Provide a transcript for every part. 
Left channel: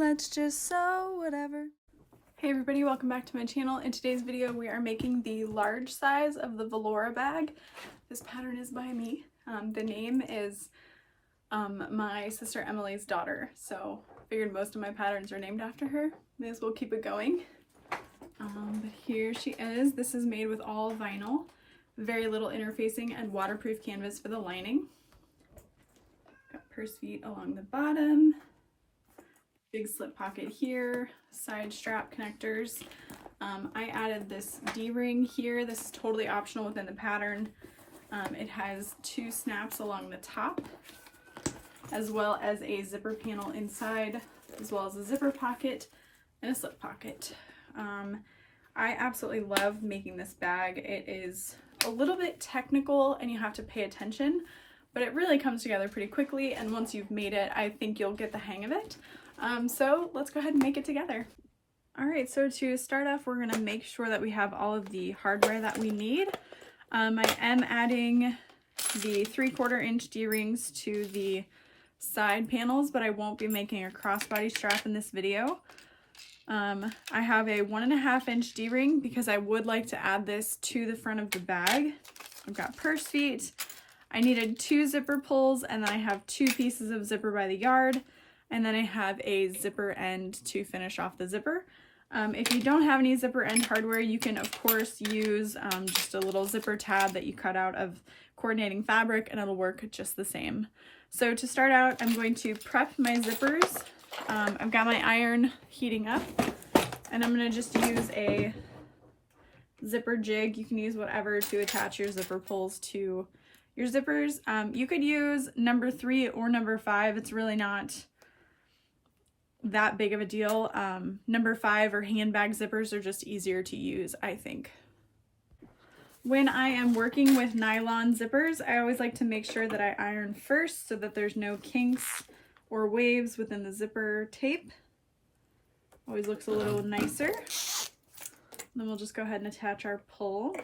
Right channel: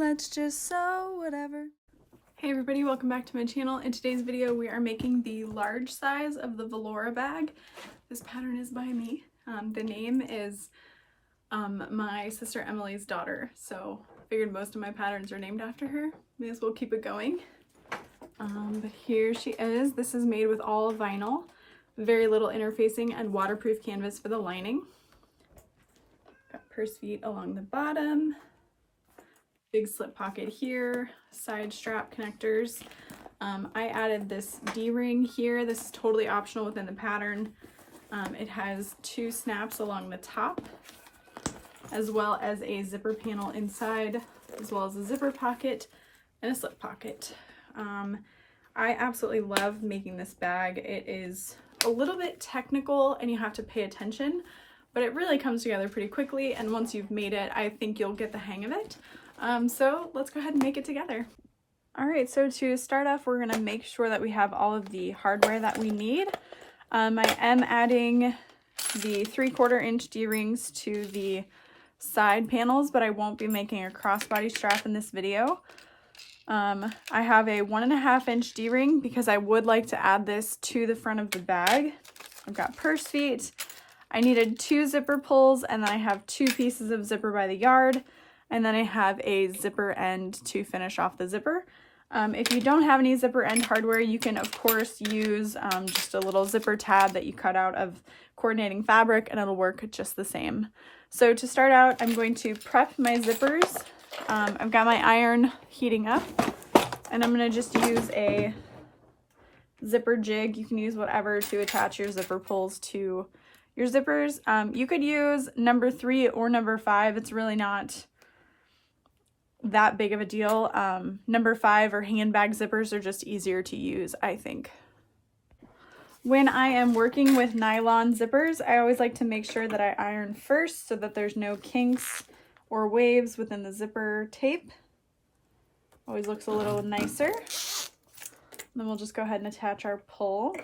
let's just sew whatever. Hey everybody, welcome back to my channel. In today's video we are making the large size of the Valora bag. This pattern is by me. The name is my sister Emily's daughter, so I figured most of my patterns are named after her. May as well keep it going. But here she is. This is made with all vinyl, very little interfacing, and waterproof canvas for the lining. Got purse feet along the bottom, big slip pocket here, side strap connectors. I added this D-ring here. This is totally optional within the pattern. It has two snaps along the top, as well as a zipper panel inside, as well as a zipper pocket and a slip pocket. I absolutely love making this bag. It is a little bit technical and you have to pay attention, but it really comes together pretty quickly, and once you've made it, I think you'll get the hang of it. So let's go ahead and make it together. Alright, so to start off, we're going to make sure that we have all of the hardware that we need. I am adding the 3/4 inch D-rings to the side panels, but I won't be making a crossbody strap in this video. I have a 1.5 inch D-ring because I would like to add this to the front of the bag. I've got purse feet. I needed 2 zipper pulls, and then I have 2 pieces of zipper by the yard, and then I have a zipper end to finish off the zipper. If you don't have any zipper end hardware, you can of course use just a little zipper tab that you cut out of coordinating fabric, and it'll work just the same. So to start out, I'm going to prep my zippers. I've got my iron heating up, and I'm going to just use a zipper jig. You can use whatever to attach your zipper pulls to your zippers. You could use number 3 or number 5. It's really not that big of a deal. Number 5 or handbag zippers are just easier to use, I think. When I am working with nylon zippers, I always like to make sure that I iron first so that there's no kinks or waves within the zipper tape. Always looks a little nicer. Then we'll just go ahead and attach our pull.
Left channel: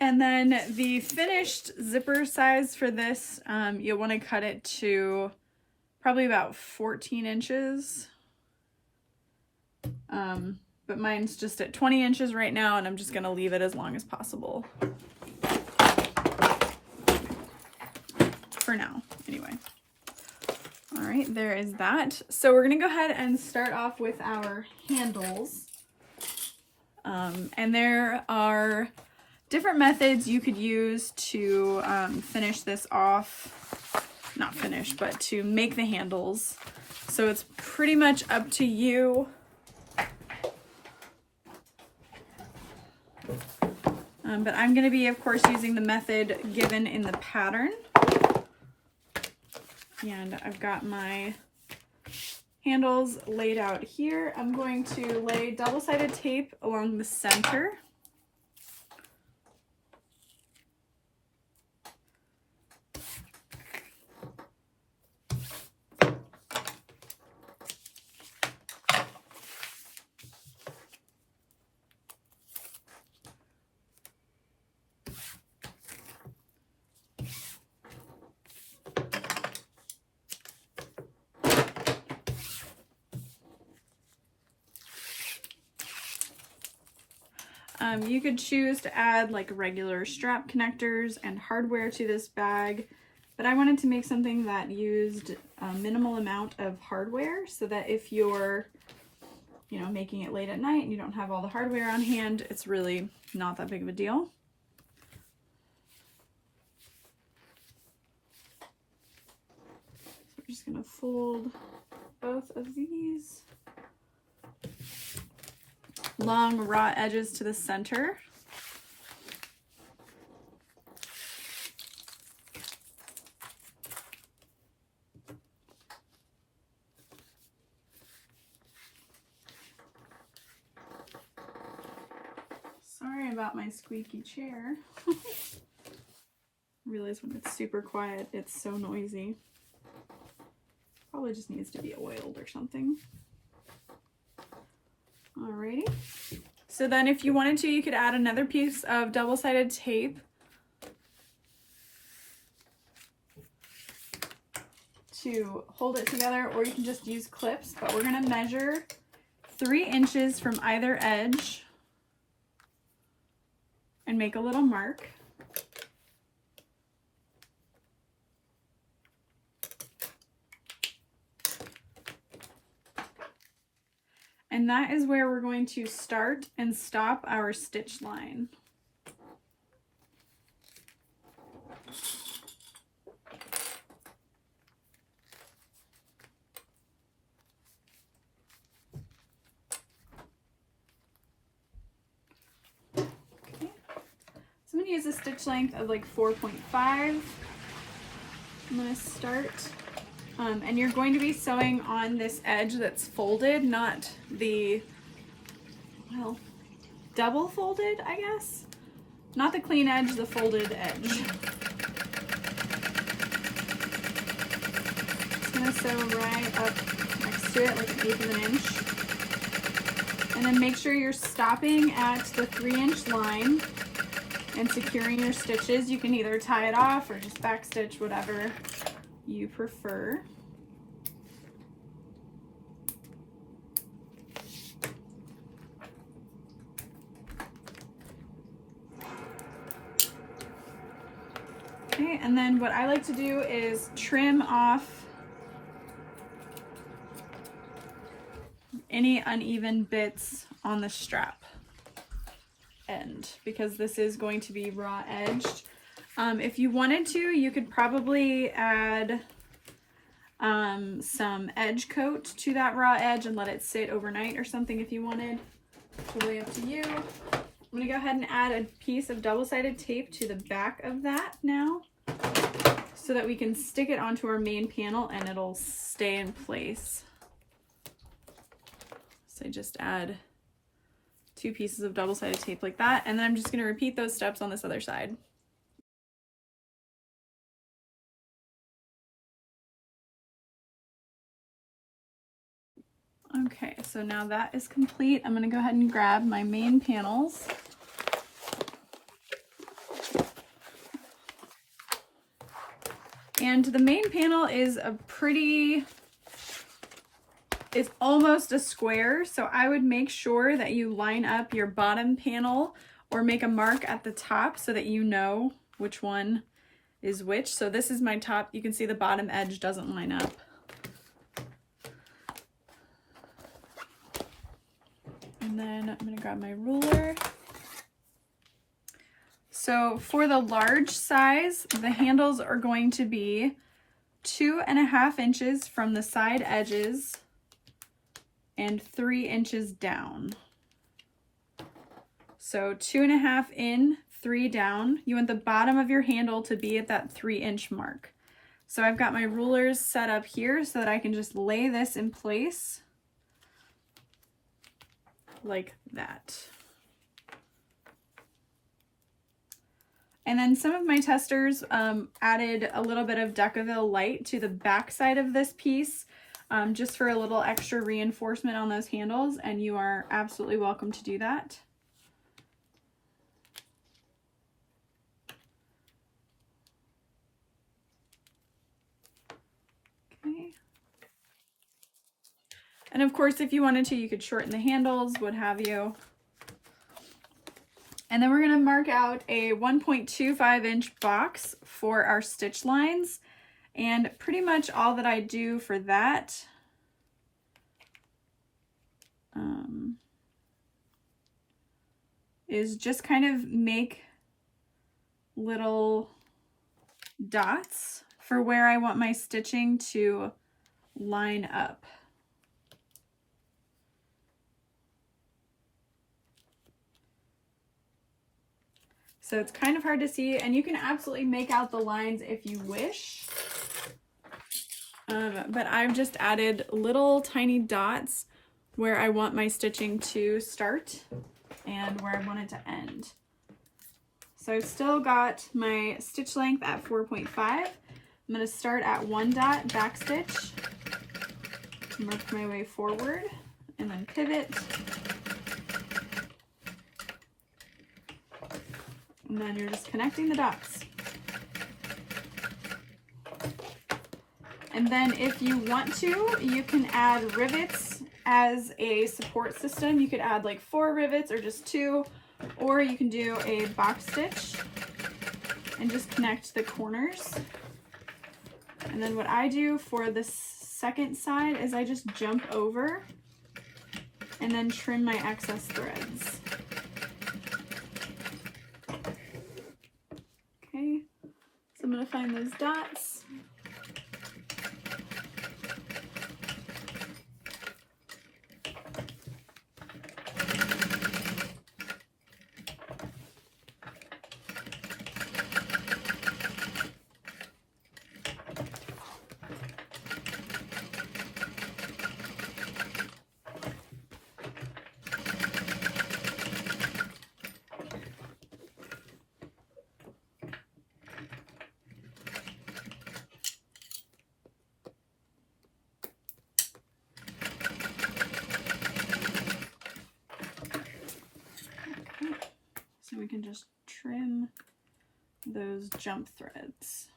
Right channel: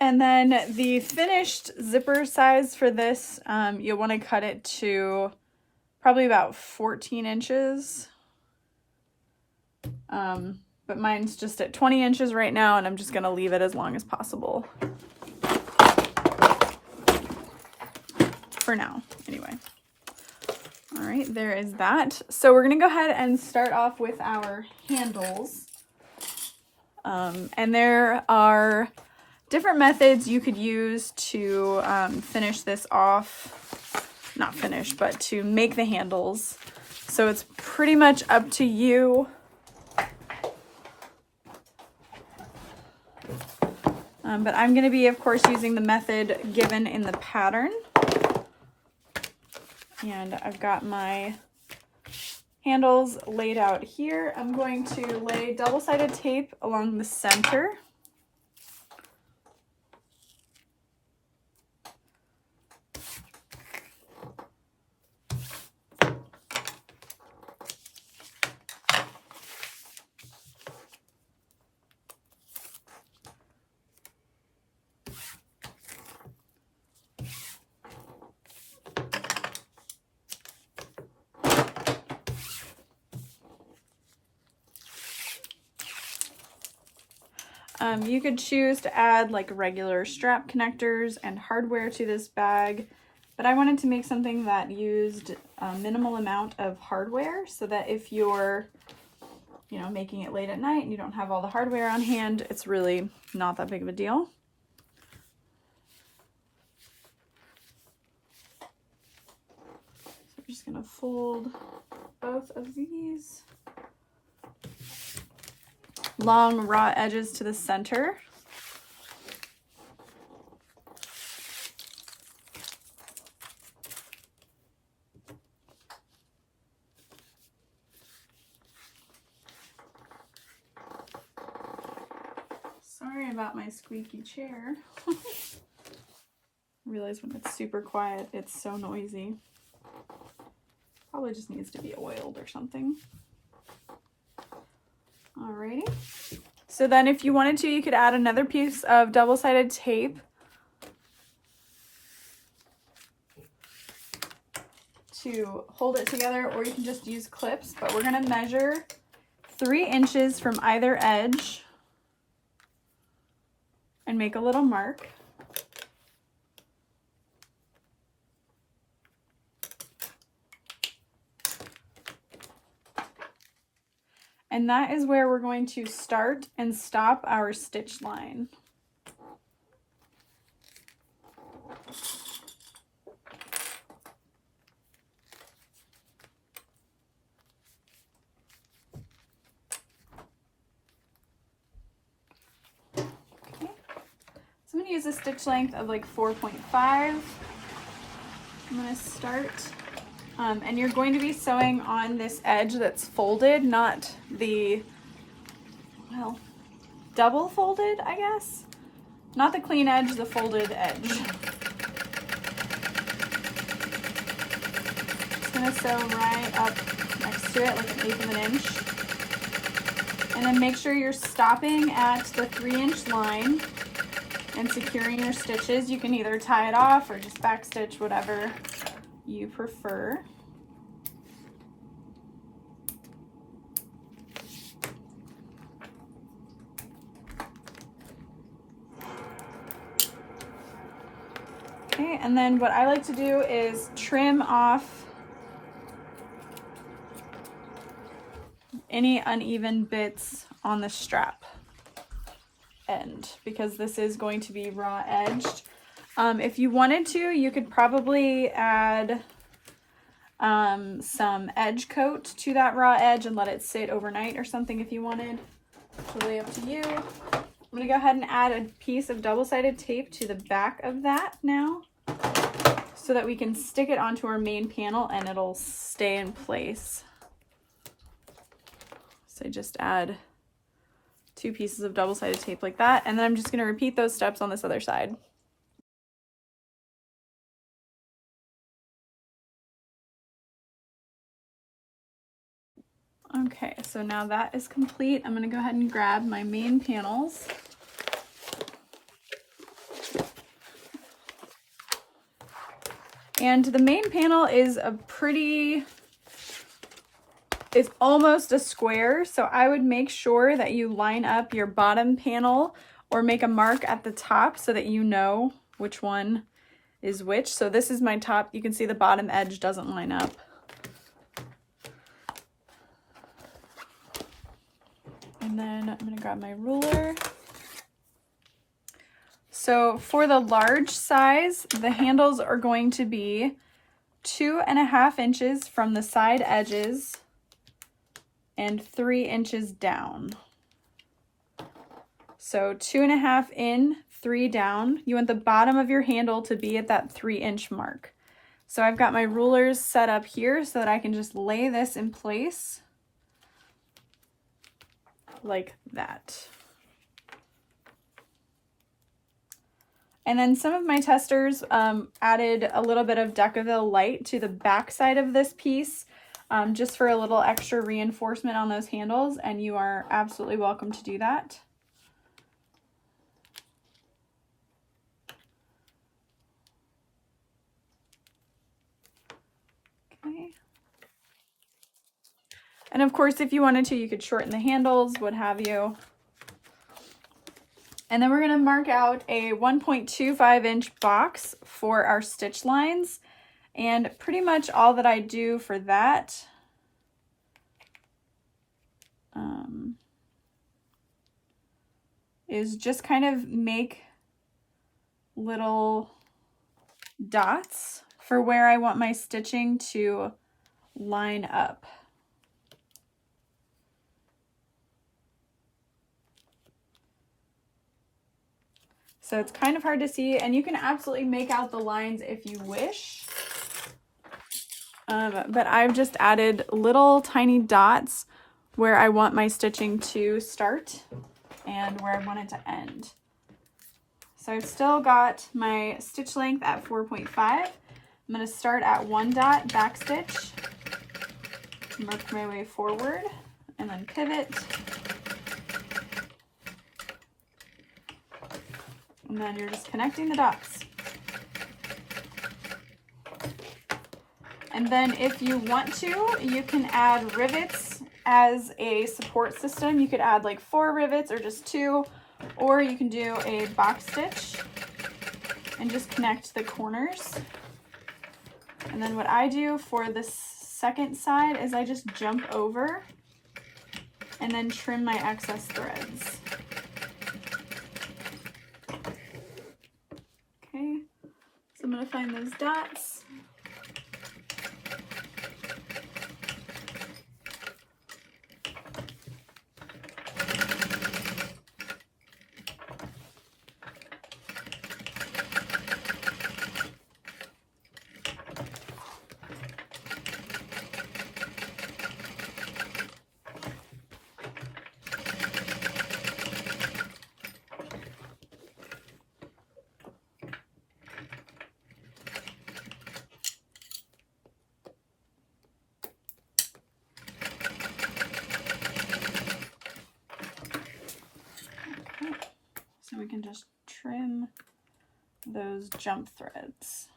And then the finished zipper size for this, you'll want to cut it to probably about 14 inches. But mine's just at 20 inches right now, and I'm just going to leave it as long as possible. For now, anyway. All right, there is that. So we're going to go ahead and start off with our handles. And there are different methods you could use to finish this off. Not finish, but to make the handles. So it's pretty much up to you. But I'm going to be, of course, using the method given in the pattern. And I've got my handles laid out here. I'm going to lay double-sided tape along the center. You could choose to add like regular strap connectors and hardware to this bag, but I wanted to make something that used a minimal amount of hardware so that if you're, making it late at night and you don't have all the hardware on hand, it's really not that big of a deal. So we're just going to fold both of these. Long raw edges to the center. Sorry about my squeaky chair. I realize when it's super quiet, it's so noisy. Probably just needs to be oiled or something. Alrighty. So then if you wanted to, you could add another piece of double-sided tape to hold it together, or you can just use clips, but we're gonna measure 3 inches from either edge and make a little mark. And that is where we're going to start and stop our stitch line. So I'm going to use a stitch length of like 4.5. I'm going to start, and you're going to be sewing on this edge that's folded, not the, well, double folded, I guess. Not the clean edge, the folded edge. Just going to sew right up next to it, like 1/8 of an inch. And then make sure you're stopping at the 3-inch line and securing your stitches. You can either tie it off or just backstitch, whatever you prefer. Okay, and then what I like to do is trim off any uneven bits on the strap end, because this is going to be raw edged. If you wanted to, you could probably add some edge coat to that raw edge and let it sit overnight or something if you wanted. Totally up to you. I'm going to go ahead and add a piece of double-sided tape to the back of that now, so that we can stick it onto our main panel and it'll stay in place. So just add 2 pieces of double-sided tape like that, and then I'm just going to repeat those steps on this other side. Okay, so now that is complete. I'm going to go ahead and grab my main panels. And the main panel is it's almost a square, so I would make sure that you line up your bottom panel or make a mark at the top so that you know which one is which. So this is my top. You can see the bottom edge doesn't line up. And then I'm going to grab my ruler. So for the large size, the handles are going to be 2.5 inches from the side edges and 3 inches down. So 2.5 in, 3 down. You want the bottom of your handle to be at that 3-inch mark. So I've got my rulers set up here so that I can just lay this in place like that. And then some of my testers added a little bit of Decaville light to the back side of this piece, just for a little extra reinforcement on those handles, and you are absolutely welcome to do that. Okay. And of course, if you wanted to, you could shorten the handles, what have you. And then we're going to mark out a 1.25 inch box for our stitch lines. And pretty much all that I do for that is just kind of make little dots for where I want my stitching to line up. So it's kind of hard to see, and you can absolutely make out the lines if you wish. But I've just added little tiny dots where I want my stitching to start and where I want it to end. So I've still got my stitch length at 4.5. I'm going to start at 1 dot, backstitch, work my way forward, and then pivot, And then you're just connecting the dots. And then if you want to, you can add rivets as a support system. You could add like 4 rivets or just 2, or you can do a box stitch and just connect the corners. And then what I do for the second side is I just jump over and then trim my excess threads. Okay, so I'm gonna find those dots. So we can just trim those jump threads.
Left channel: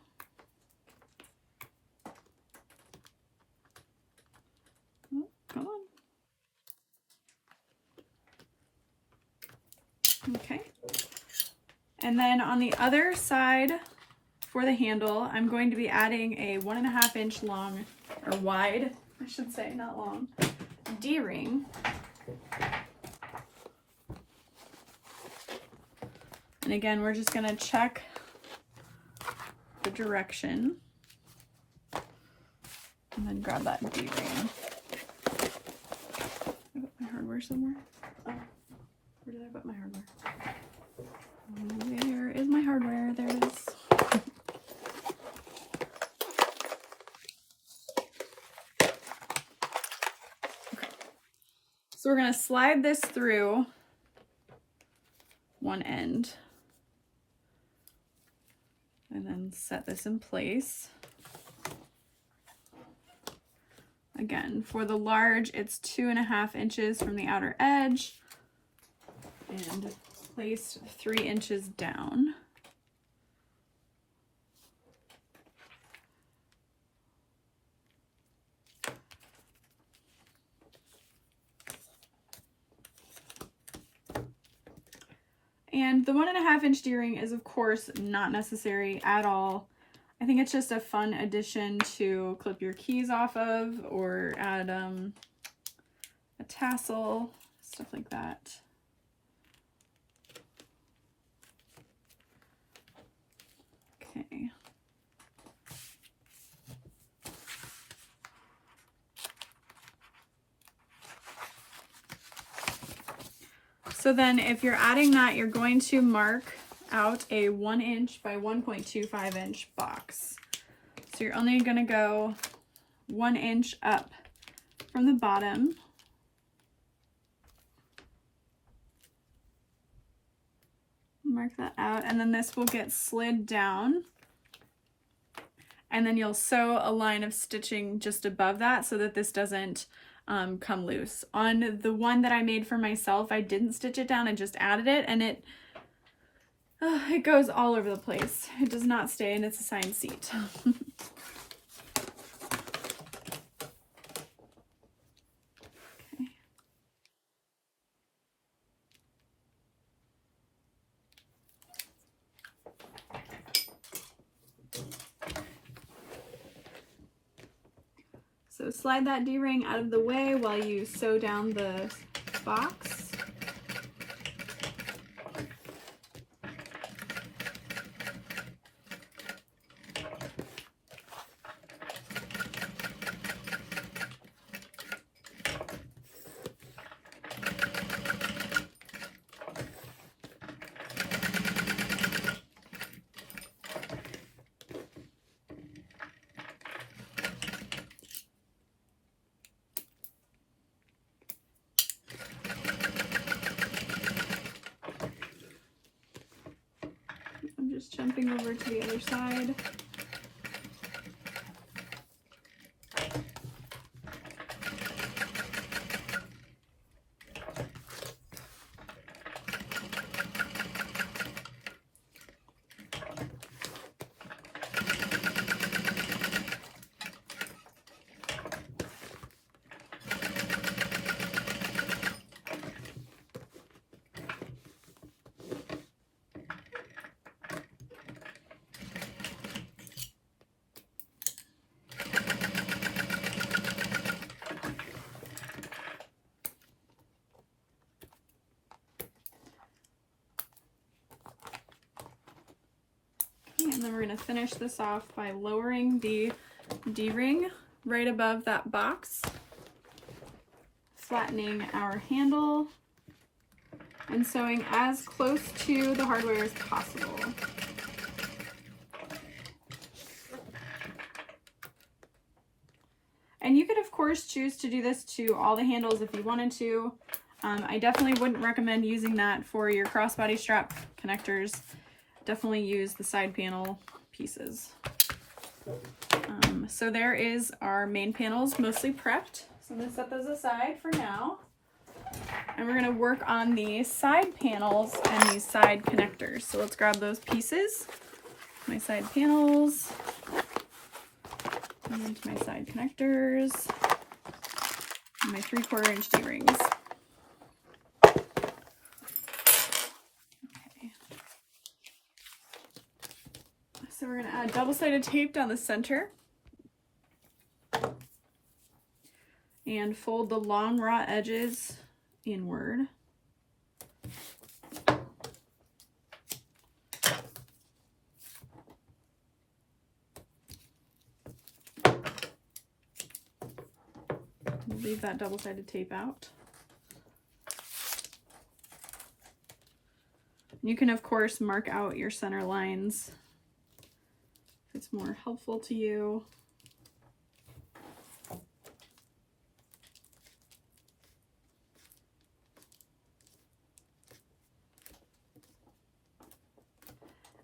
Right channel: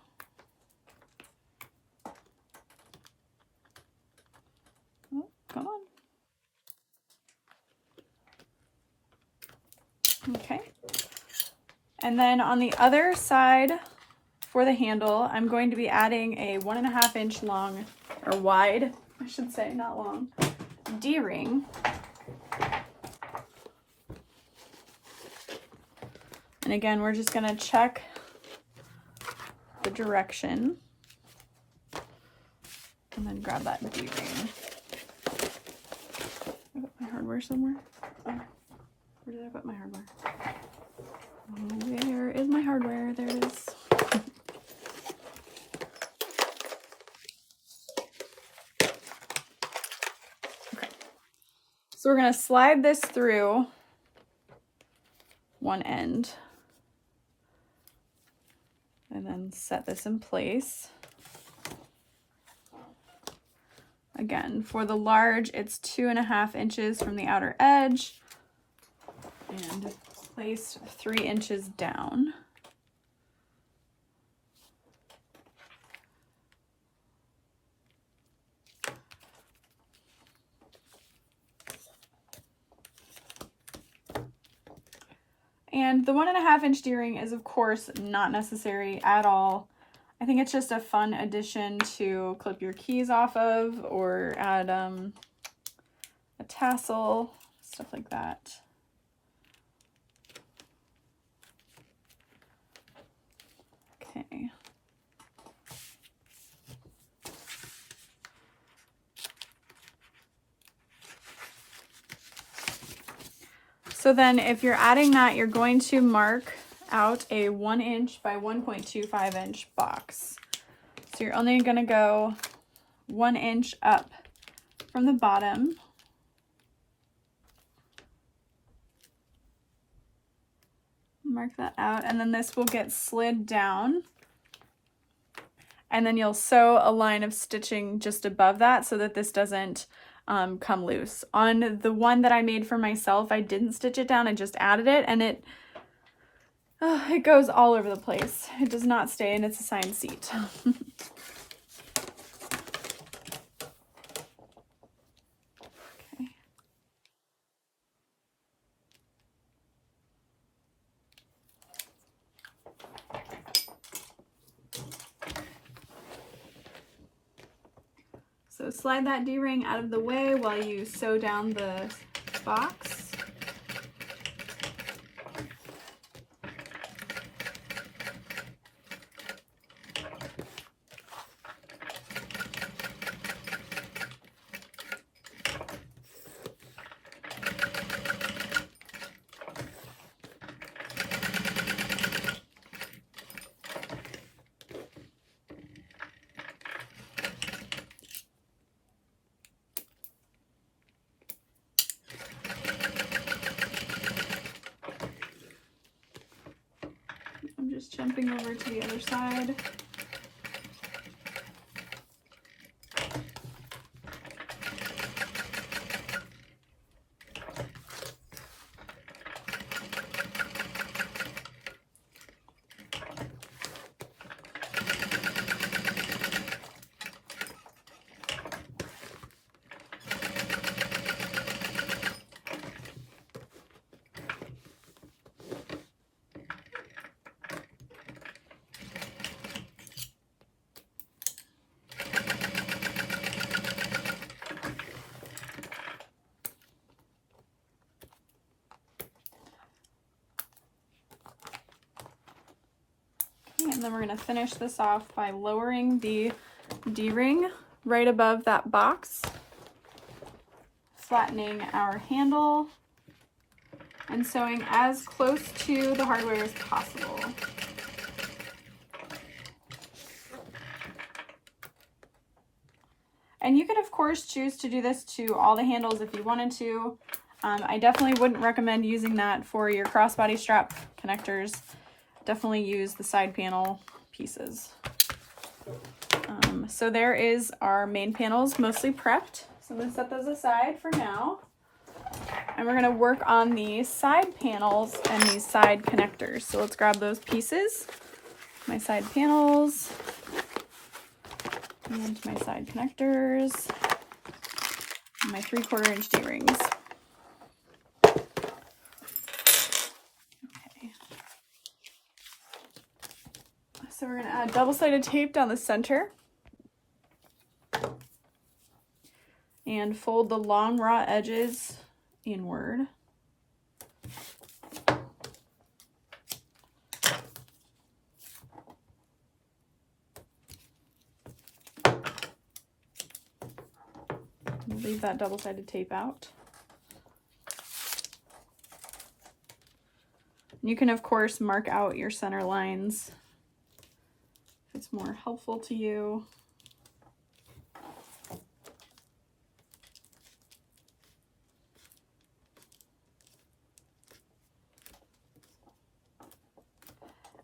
Oh, come on. Okay. And then on the other side for the handle, I'm going to be adding a 1.5 inch long, or wide, I should say, not long, D-ring. And again, we're just gonna check the direction and then grab that D-ring. I put my hardware somewhere. Where did I put my hardware? Where is my hardware? There it is. Okay. So we're gonna slide this through one end and then set this in place. Again, for the large, it's 2.5 inches from the outer edge and placed 3 inches down. And the 1.5 inch D-ring is of course not necessary at all. I think it's just a fun addition to clip your keys off of, or add a tassel, stuff like that. Okay. So then if you're adding that, you're going to mark out a 1 inch by 1.25 inch box. So you're only going to go 1 inch up from the bottom. Mark that out, and then this will get slid down. And then you'll sew a line of stitching just above that so that this doesn't come loose. On the one that I made for myself, I didn't stitch it down, I just added it, and it goes all over the place. It does not stay in its assigned seat. Okay. So slide that D-ring out of the way while you sew down the box. Just jumping over to the other side. And then we're going to finish this off by lowering the D-ring right above that box, flattening our handle, and sewing as close to the hardware as possible. And you could, of course, choose to do this to all the handles if you wanted to. I definitely wouldn't recommend using that for your crossbody strap connectors. Definitely use the side panel pieces. So there is our main panels mostly prepped. So I'm going to set those aside for now. And we're going to work on the side panels and these side connectors. So let's grab those pieces. My side panels. And my side connectors. And my 3/4 inch D-rings. So we're going to add double-sided tape down the center and fold the long raw edges inward. Leave that double-sided tape out. You can, of course, mark out your center lines if it's more helpful to you.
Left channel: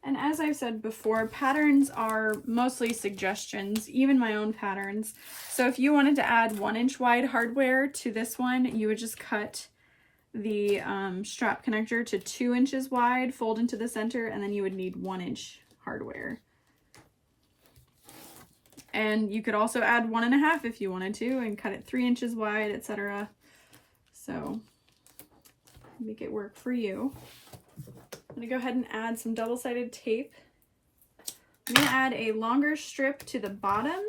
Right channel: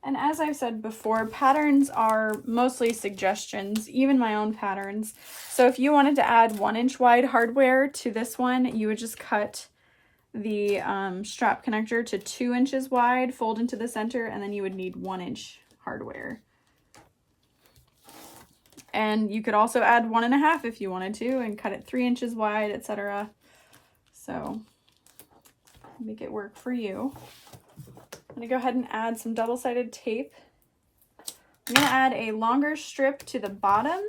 And as I've said before, patterns are mostly suggestions, even my own patterns. So if you wanted to add 1-inch wide hardware to this one, you would just cut the strap connector to 2 inches wide, fold into the center, and then you would need 1-inch hardware. And you could also add 1.5 if you wanted to and cut it 3 inches wide, etc. So make it work for you. I'm going to go ahead and add some double-sided tape. I'm going to add a longer strip to the bottom.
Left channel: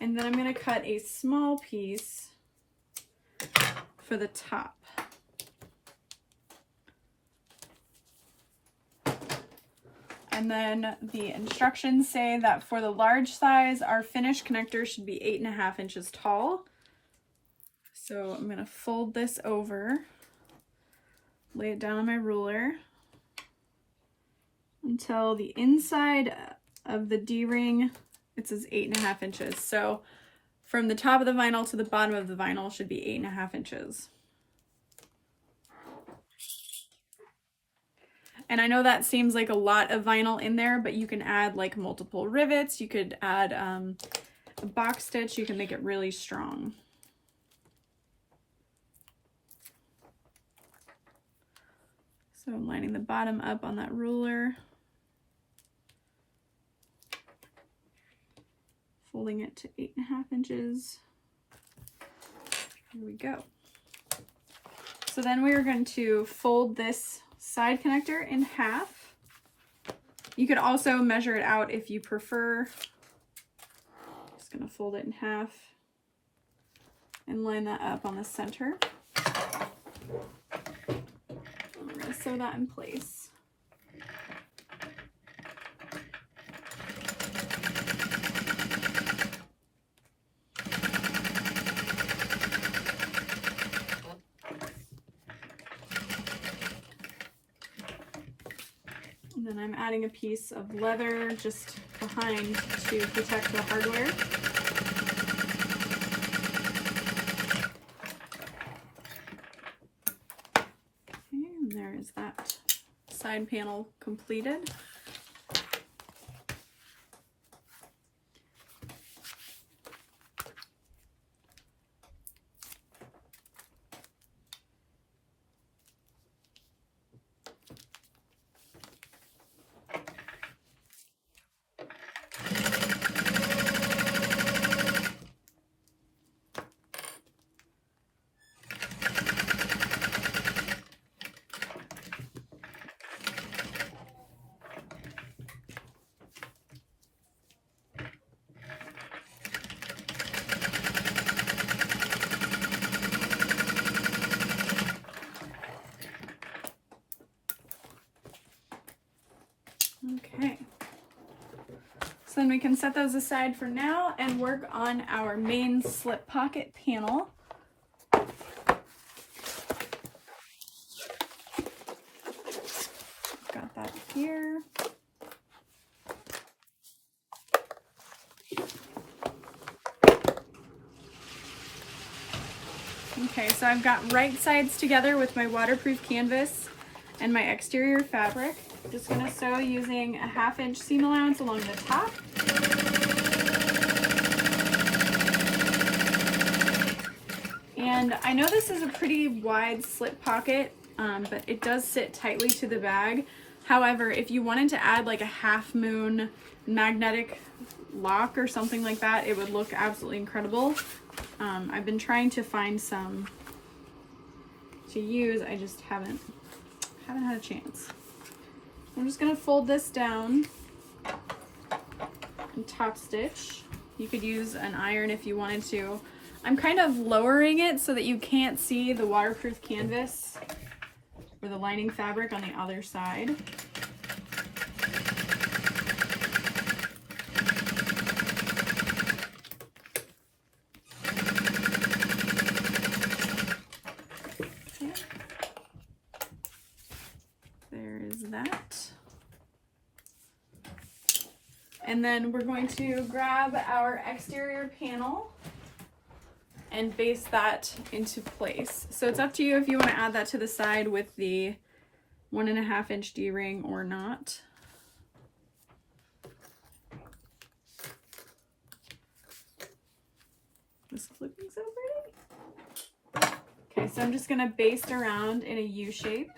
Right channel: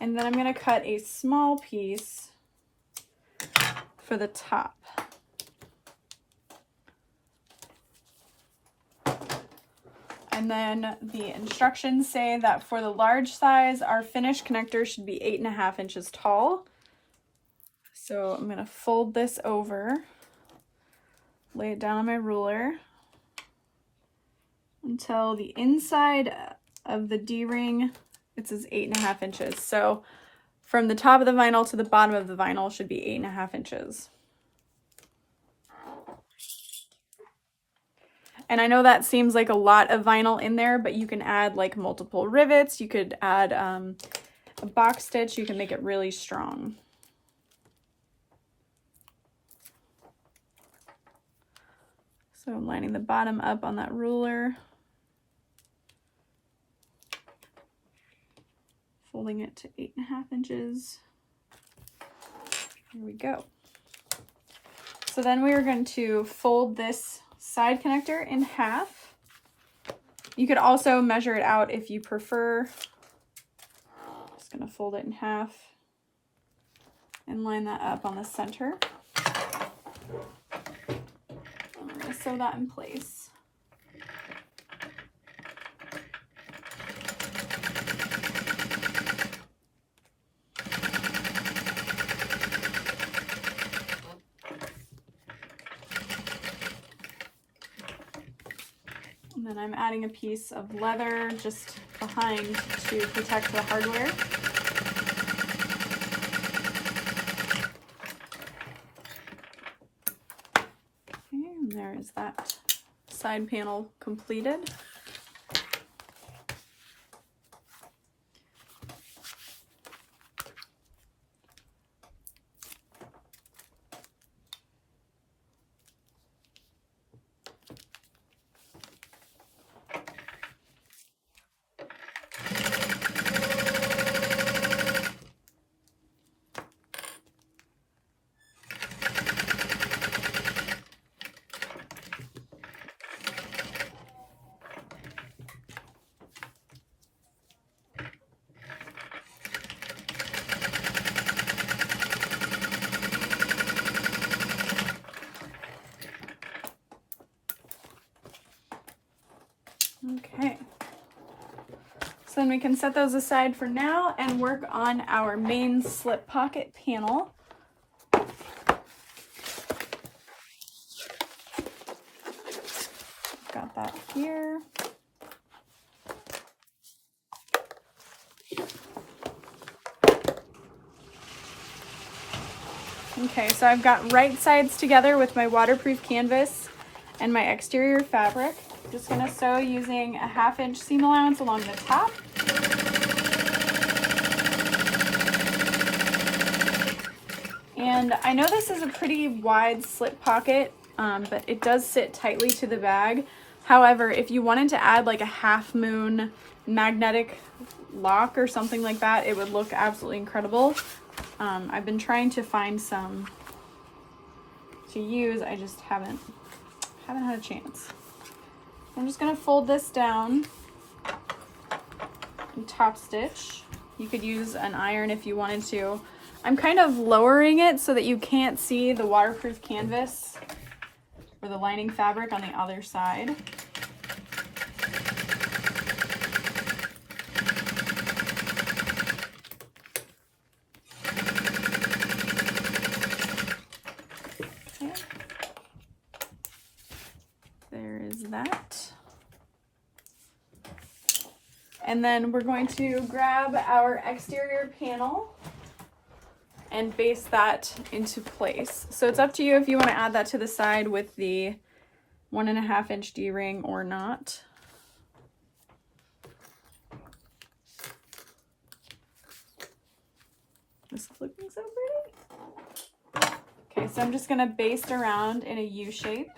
And then I'm going to cut a small piece for the top. And then the instructions say that for the large size, our finished connector should be 8.5 inches tall. So I'm going to fold this over, lay it down on my ruler until the inside of the D-ring, it says 8.5 inches. So from the top of the vinyl to the bottom of the vinyl should be 8.5 inches. And I know that seems like a lot of vinyl in there, but you can add like multiple rivets. You could add a box stitch. You can make it really strong. So I'm lining the bottom up on that ruler, folding it to 8.5 inches. Here we go. So then we are going to fold this side connector in half. You could also measure it out if you prefer. Just going to fold it in half and line that up on the center. I'm going to sew that in place. And then I'm adding a piece of leather just behind to protect the hardware. And there is that side panel completed. So then we can set those aside for now and work on our main slip pocket panel. Got that here. Okay, so I've got right sides together with my waterproof canvas and my exterior fabric. Just gonna sew using a 1/2 inch seam allowance along the top. And I know this is a pretty wide slip pocket, but it does sit tightly to the bag. However, if you wanted to add like a half moon magnetic lock or something like that, it would look absolutely incredible. I've been trying to find some to use. I just haven't had a chance. I'm just gonna fold this down and top stitch. You could use an iron if you wanted to. I'm kind of lowering it so that you can't see the waterproof canvas or the lining fabric on the other side. Okay. There is that. And then we're going to grab our exterior panel and baste that into place. So it's up to you if you want to add that to the side with the 1.5 inch D-ring or not. This is looking so pretty. Okay, so I'm just gonna baste around in a U shape.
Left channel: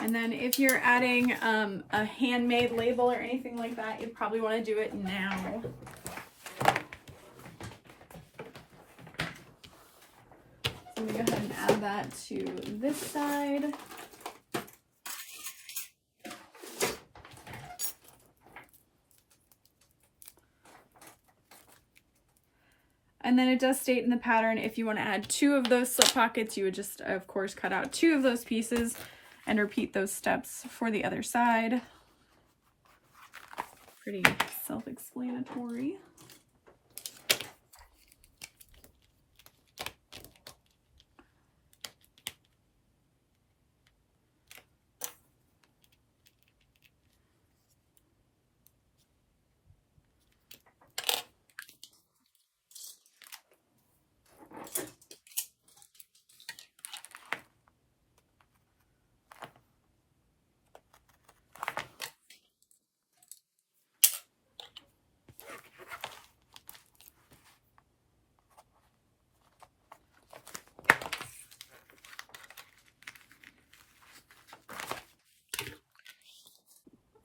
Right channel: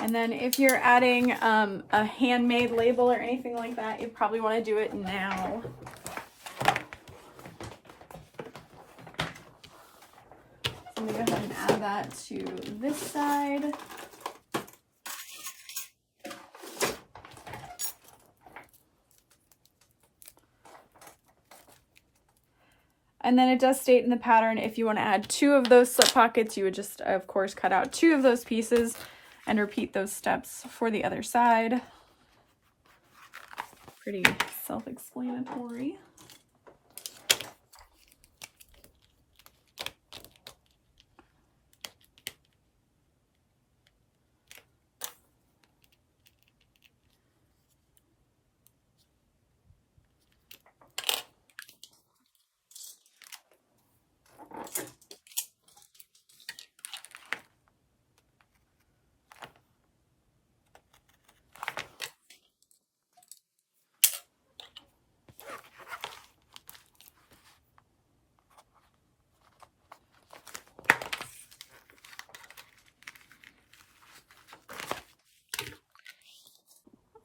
And then if you're adding a handmade label or anything like that, you'd probably want to do it now. So I'm going to go ahead and add that to this side. And then it does state in the pattern, if you want to add 2 of those slip pockets, you would just, of course, cut out 2 of those pieces and repeat those steps for the other side. Pretty self-explanatory.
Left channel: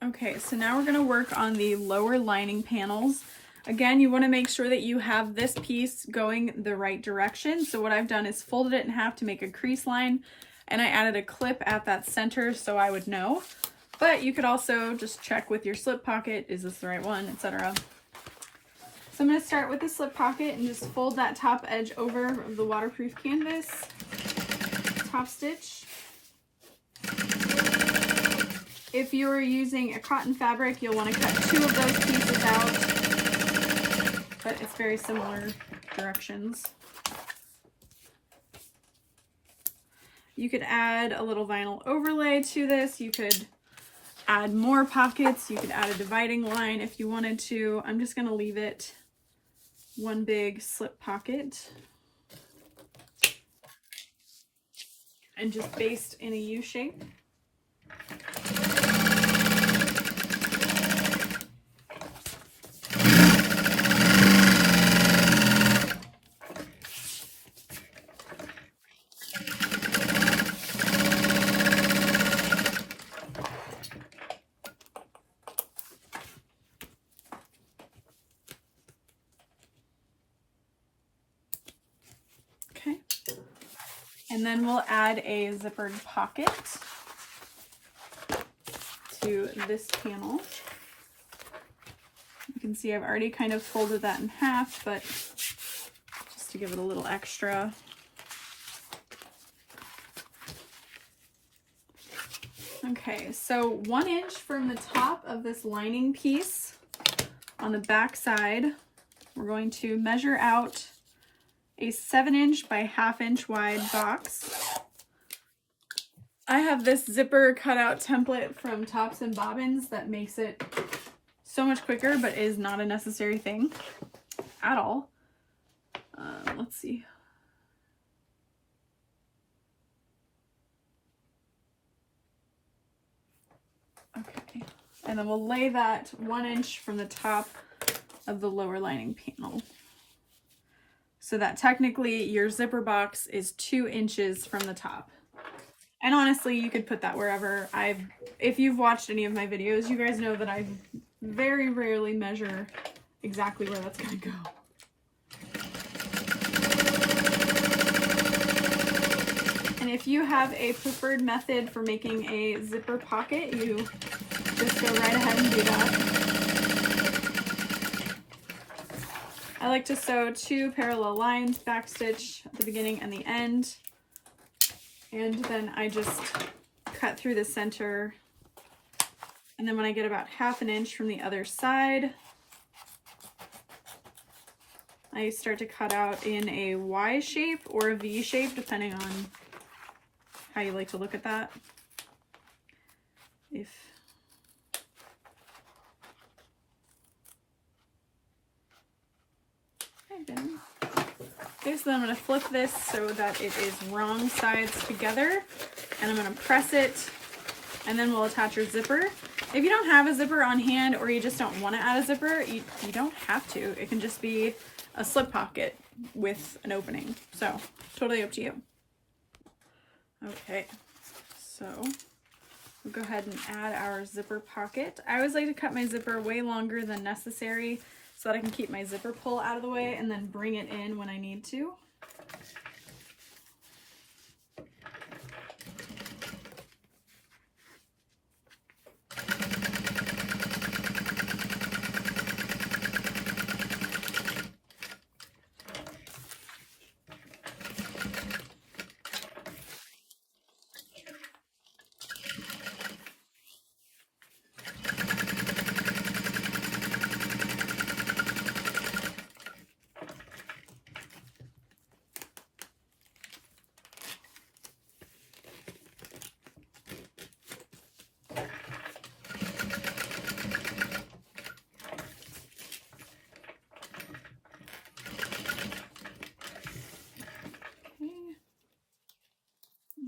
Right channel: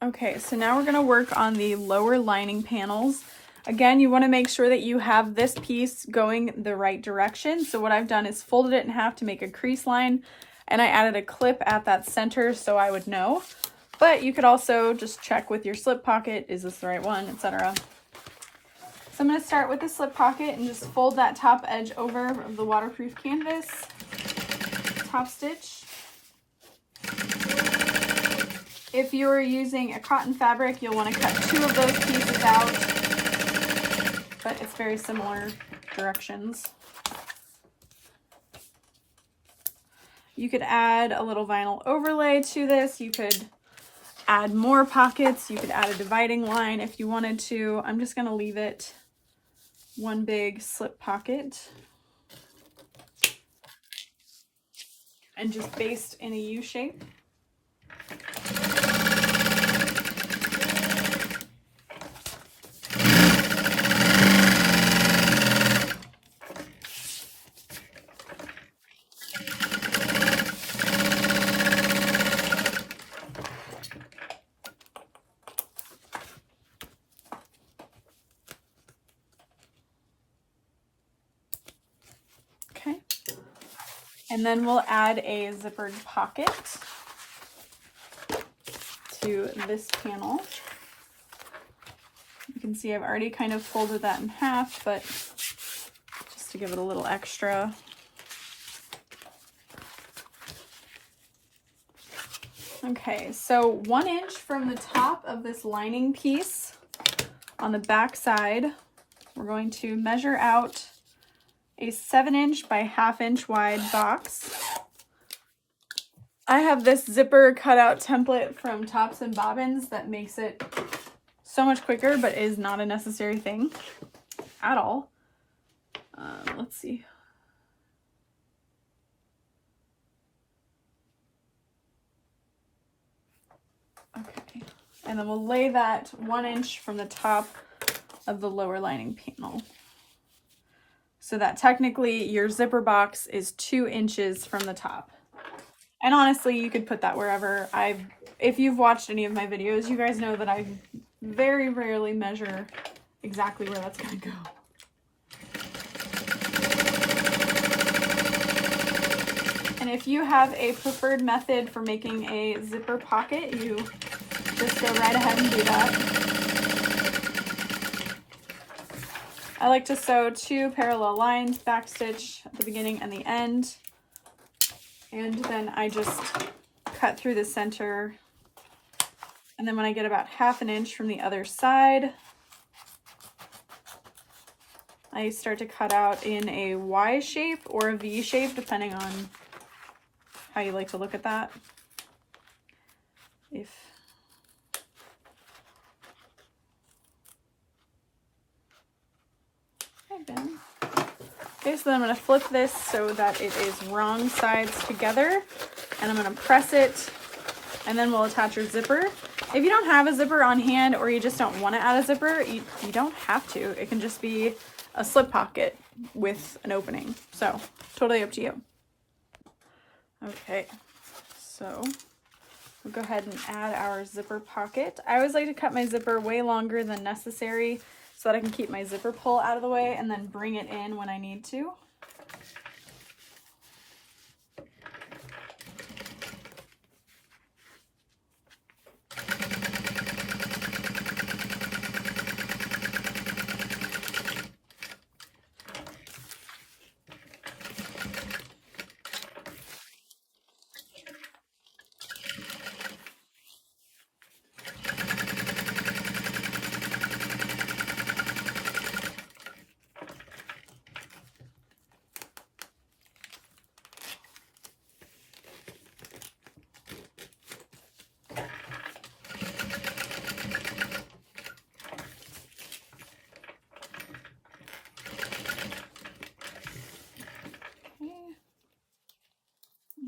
Okay, so now we're going to work on the lower lining panels. Again, you want to make sure that you have this piece going the right direction. So what I've done is folded it in half to make a crease line, and I added a clip at that center so I would know. But you could also just check with your slip pocket, is this the right one, etc. So I'm going to start with the slip pocket and just fold that top edge over of the waterproof canvas, top stitch. If you're using a cotton fabric, you'll want to cut 2 of those pieces out, but it's very similar directions. You could add a little vinyl overlay to this. You could add more pockets. You could add a dividing line if you wanted to. I'm just going to leave it one big slip pocket and just baste in a U shape. And then we'll add a zippered pocket to this panel. You can see I've already kind of folded that in half, but just to give it a little extra. Okay, so 1 inch from the top of this lining piece on the back side, we're going to measure out a 7-inch by 1/2 inch wide box. I have this zipper cutout template from Tops and Bobbins that makes it so much quicker, but is not a necessary thing at all. Let's see. Okay, and then we'll lay that 1 inch from the top of the lower lining panel, so that technically your zipper box is 2 inches from the top. And honestly, you could put that wherever. If you've watched any of my videos, you guys know that I very rarely measure exactly where that's going to go. And if you have a preferred method for making a zipper pocket, you just go right ahead and do that. I like to sew 2 parallel lines, backstitch at the beginning and the end. And then I just cut through the center. And then when I get about 1/2 inch from the other side, I start to cut out in a Y shape or a V shape, depending on how you like to look at that. Okay, so then I'm going to flip this so that it is wrong sides together, and I'm going to press it, and then we'll attach your zipper. If you don't have a zipper on hand, or you just don't want to add a zipper, you don't have to. It can just be a slip pocket with an opening, so totally up to you. Okay, so we'll go ahead and add our zipper pocket. I always like to cut my zipper way longer than necessary, so that I can keep my zipper pull out of the way and then bring it in when I need to.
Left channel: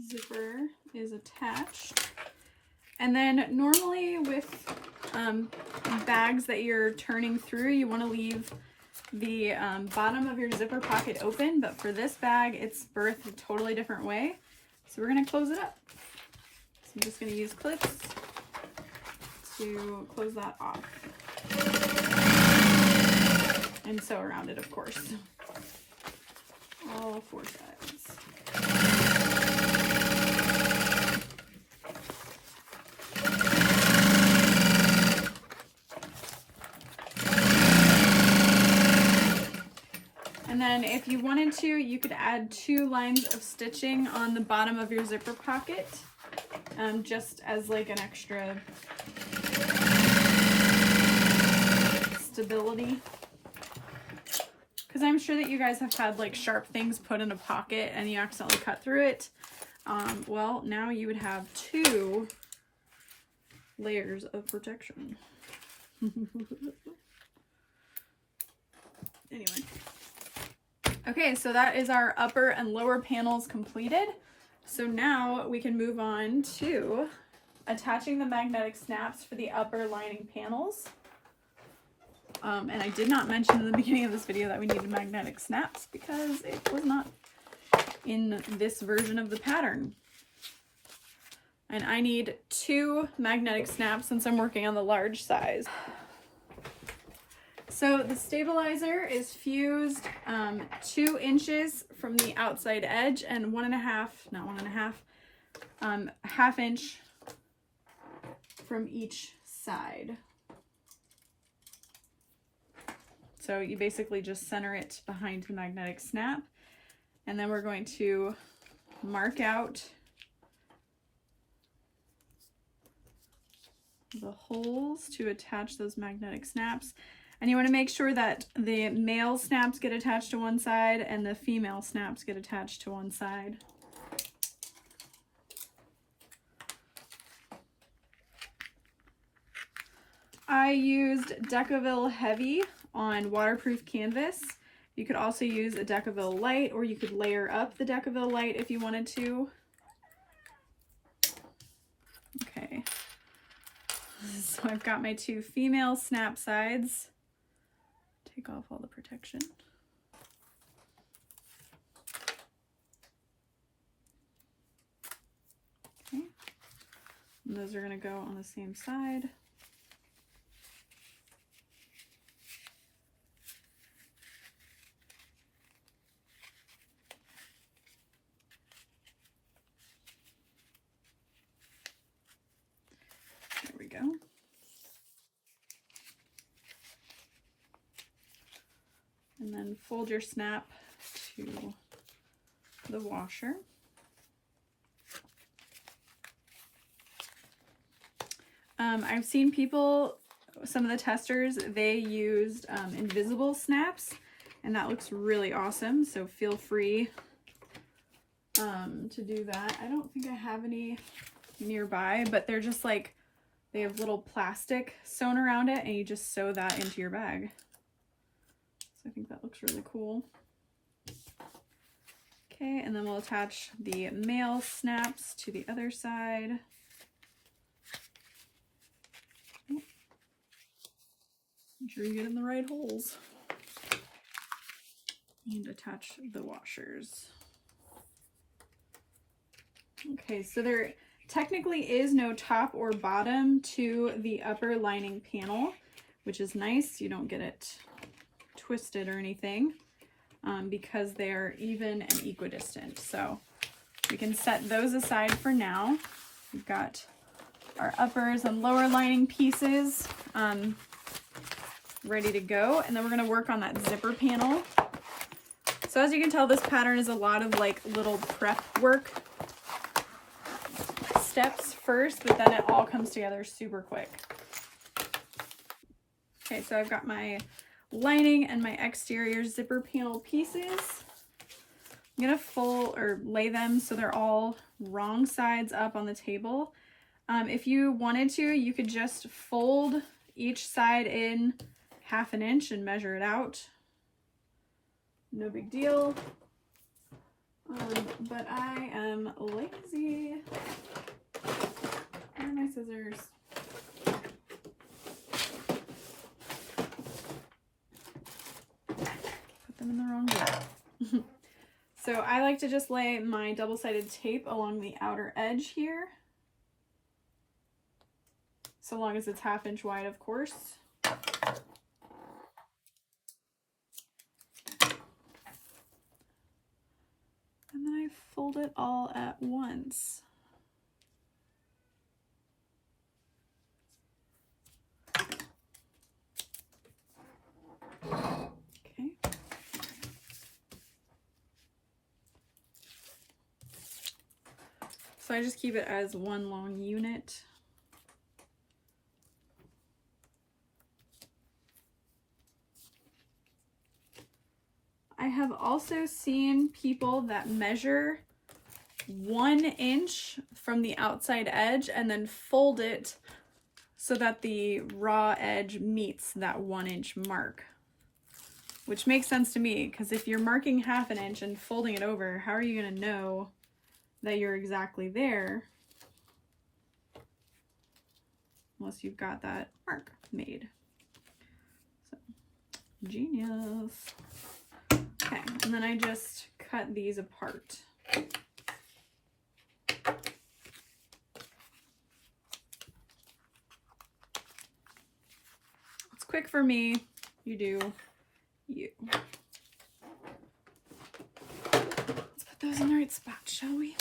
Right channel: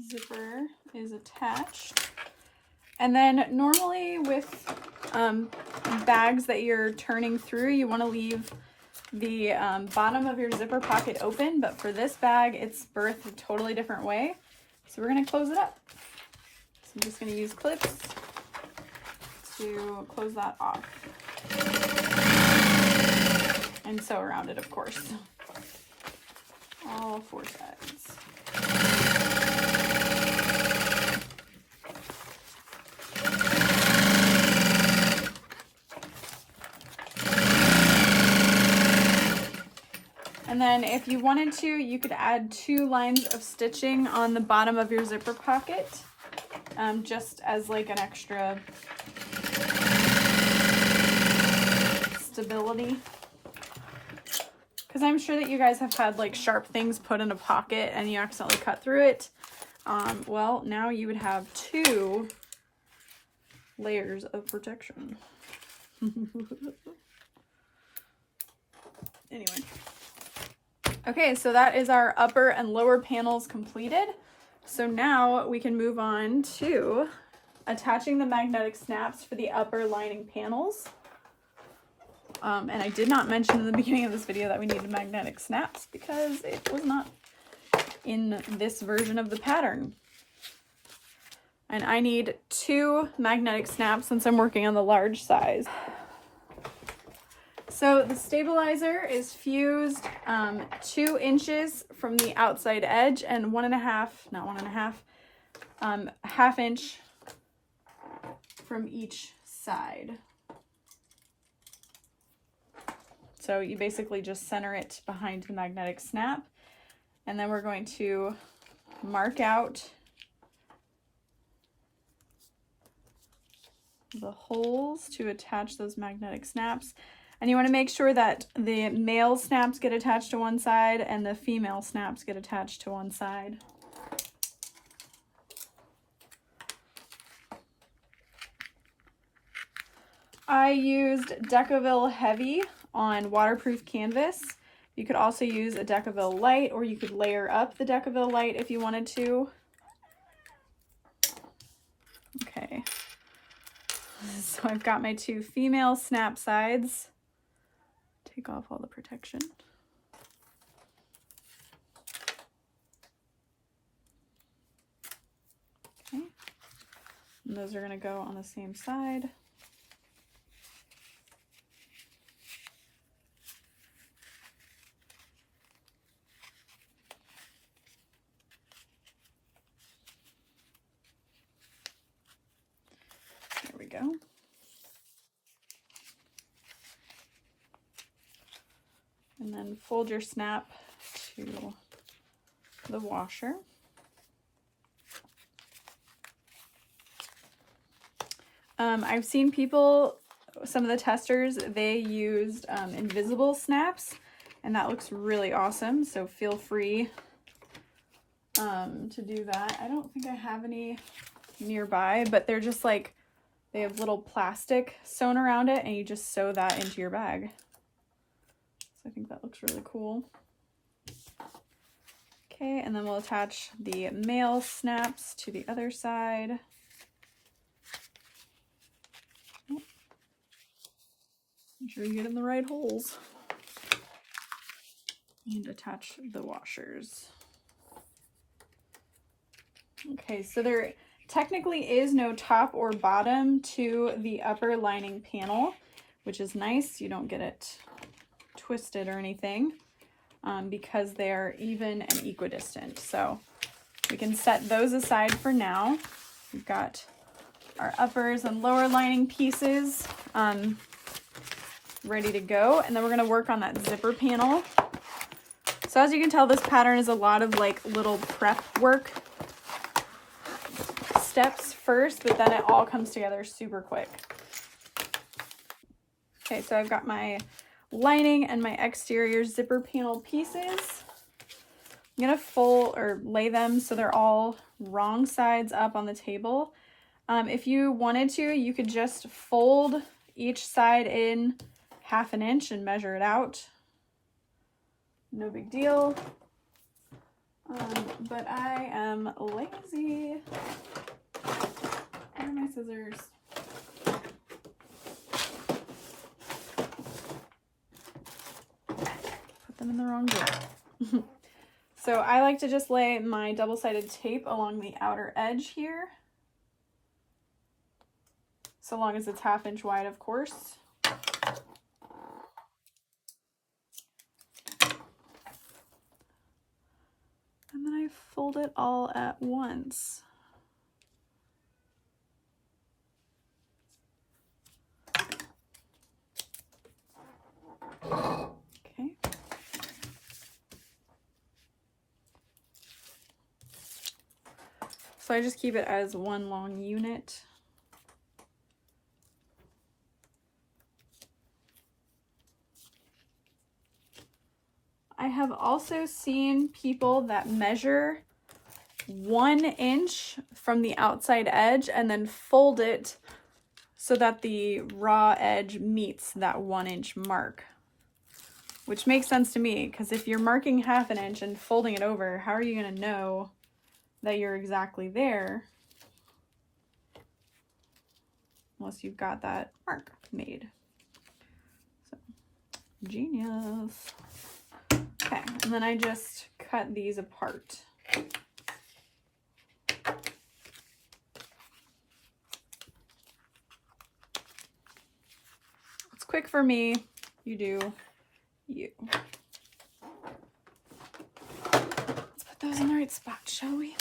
Zipper is attached, and then normally with bags that you're turning through, you want to leave the bottom of your zipper pocket open, but for this bag it's birthed a totally different way, so we're going to close it up. So I'm just going to use clips to close that off and sew around it, of course, all 4 sides. And then if you wanted to, you could add 2 lines of stitching on the bottom of your zipper pocket, just as like an extra stability. Because I'm sure that you guys have had like sharp things put in a pocket and you accidentally cut through it. Well, now you would have 2 layers of protection. Anyway. Okay, so that is our upper and lower panels completed. So now we can move on to attaching the magnetic snaps for the upper lining panels. And I did not mention in the beginning of this video that we needed magnetic snaps because it was not in this version of the pattern. And I need 2 magnetic snaps since I'm working on the large size. So the stabilizer is fused 2 inches from the outside edge and 1.5, half inch from each side. So you basically just center it behind the magnetic snap, and then we're going to mark out the holes to attach those magnetic snaps. And you want to make sure that the male snaps get attached to one side and the female snaps get attached to one side. I used Decaville Heavy on waterproof canvas. You could also use a Decaville Light, or you could layer up the Decaville Light if you wanted to. Okay, so I've got my 2 female snap sides. Take off all the protection. Okay. And those are going to go on the same side. There we go. And then fold your snap to the washer. I've seen people, some of the testers, they used invisible snaps, and that looks really awesome, so feel free to do that. I don't think I have any nearby, but they're just like, they have little plastic sewn around it, and you just sew that into your bag. So I think that looks really cool. Okay, and then we'll attach the male snaps to the other side. Make sure you get in the right holes. And attach the washers. Okay, so there technically is no top or bottom to the upper lining panel, which is nice. You don't get it twisted or anything because they're even and equidistant. So we can set those aside for now. We've got our uppers and lower lining pieces ready to go, and then we're going to work on that zipper panel. So as you can tell, this pattern is a lot of like little prep work steps first, but then it all comes together super quick. Okay, so I've got my lining and my exterior zipper panel pieces. I'm gonna fold or lay them so they're all wrong sides up on the table. If you wanted to, you could just fold each side in 1/2 inch and measure it out. No big deal. But I am lazy. Where are my scissors? Put them in the wrong drawer. So I like to just lay my double-sided tape along the outer edge here. So long as it's 1/2 inch wide, of course. And then I fold it all at once. Okay. So I just keep it as one long unit. I have also seen people that measure 1 inch from the outside edge and then fold it so that the raw edge meets that 1 inch mark, which makes sense to me, because if you're marking 1/2 inch and folding it over, how are you going to know that you're exactly there unless you've got that mark made? So, genius. Okay, and then I just cut these apart. It's quick for me. You do you. Let's put those in the right spot, shall we?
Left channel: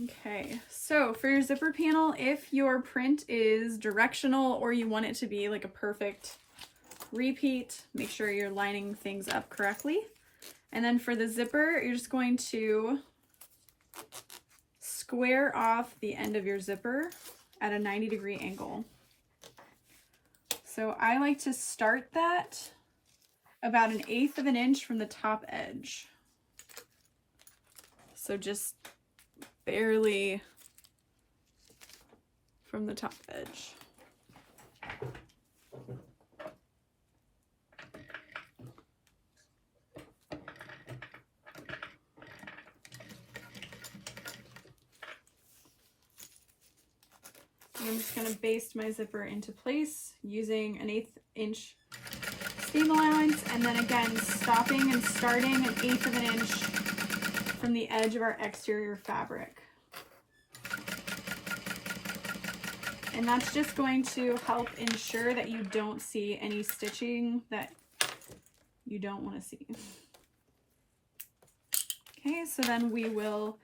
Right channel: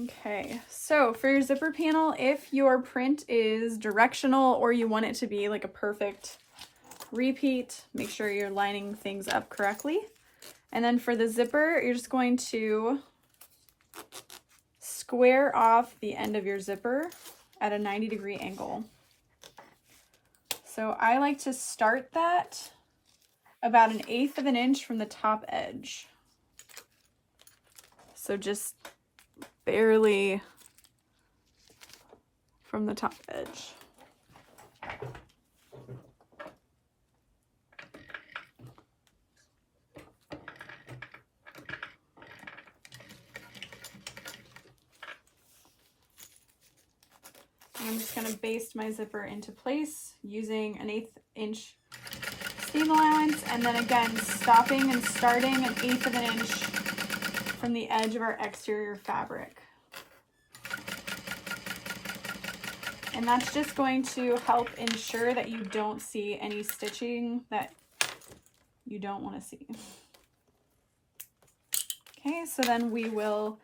Okay, so for your zipper panel, if your print is directional or you want it to be like a perfect repeat, make sure you're lining things up correctly. And then for the zipper, you're just going to square off the end of your zipper at a 90-degree angle. So I like to start that about 1/8 of an inch from the top edge. So just barely from the top edge. I'm just going to baste my zipper into place using 1/8 inch seam allowance, and then again stopping and starting 1/8 of an inch from the edge of our exterior fabric. And that's just going to help ensure that you don't see any stitching that you don't want to see. Okay, so then we will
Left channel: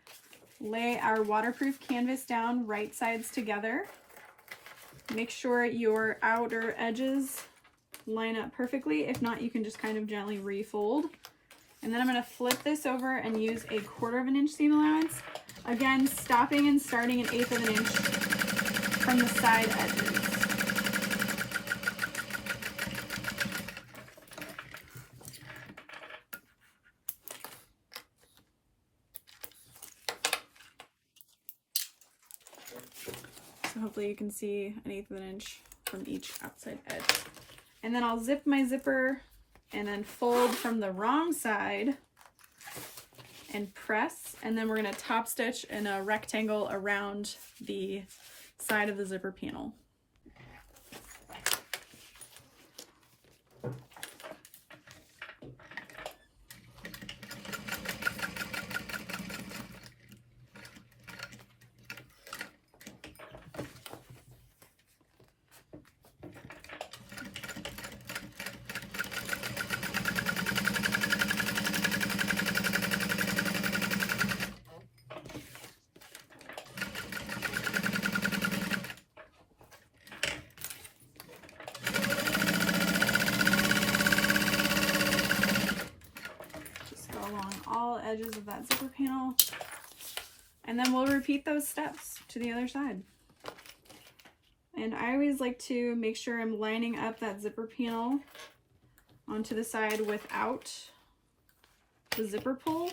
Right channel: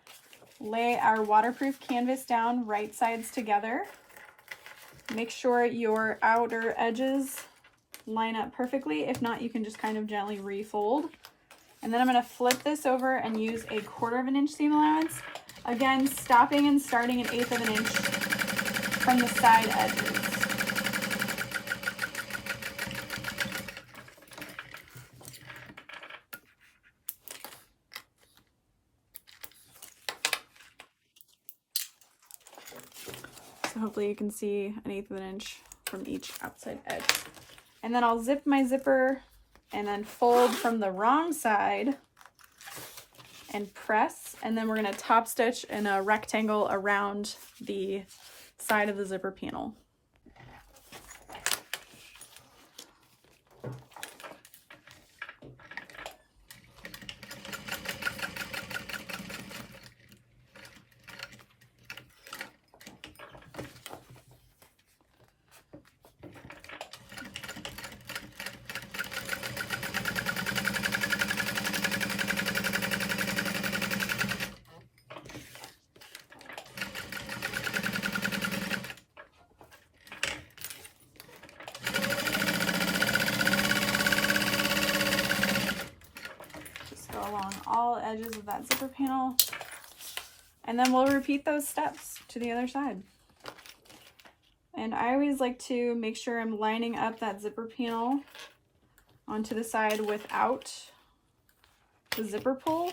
lay our waterproof canvas down right sides together. Make sure your outer edges line up perfectly. If not, you can just kind of gently refold. And then I'm going to flip this over and use 1/4 of an inch seam allowance. Again, stopping and starting 1/8 of an inch from the side edges. So hopefully you can see 1/8 of an inch from each outside edge. And then I'll zip my zipper and then fold from the wrong side and press. And then we're going to top stitch in a rectangle around the side of the zipper panel. All edges of that zipper panel, and then we'll repeat those steps to the other side. And I always like to make sure I'm lining up that zipper panel onto the side without the zipper pull,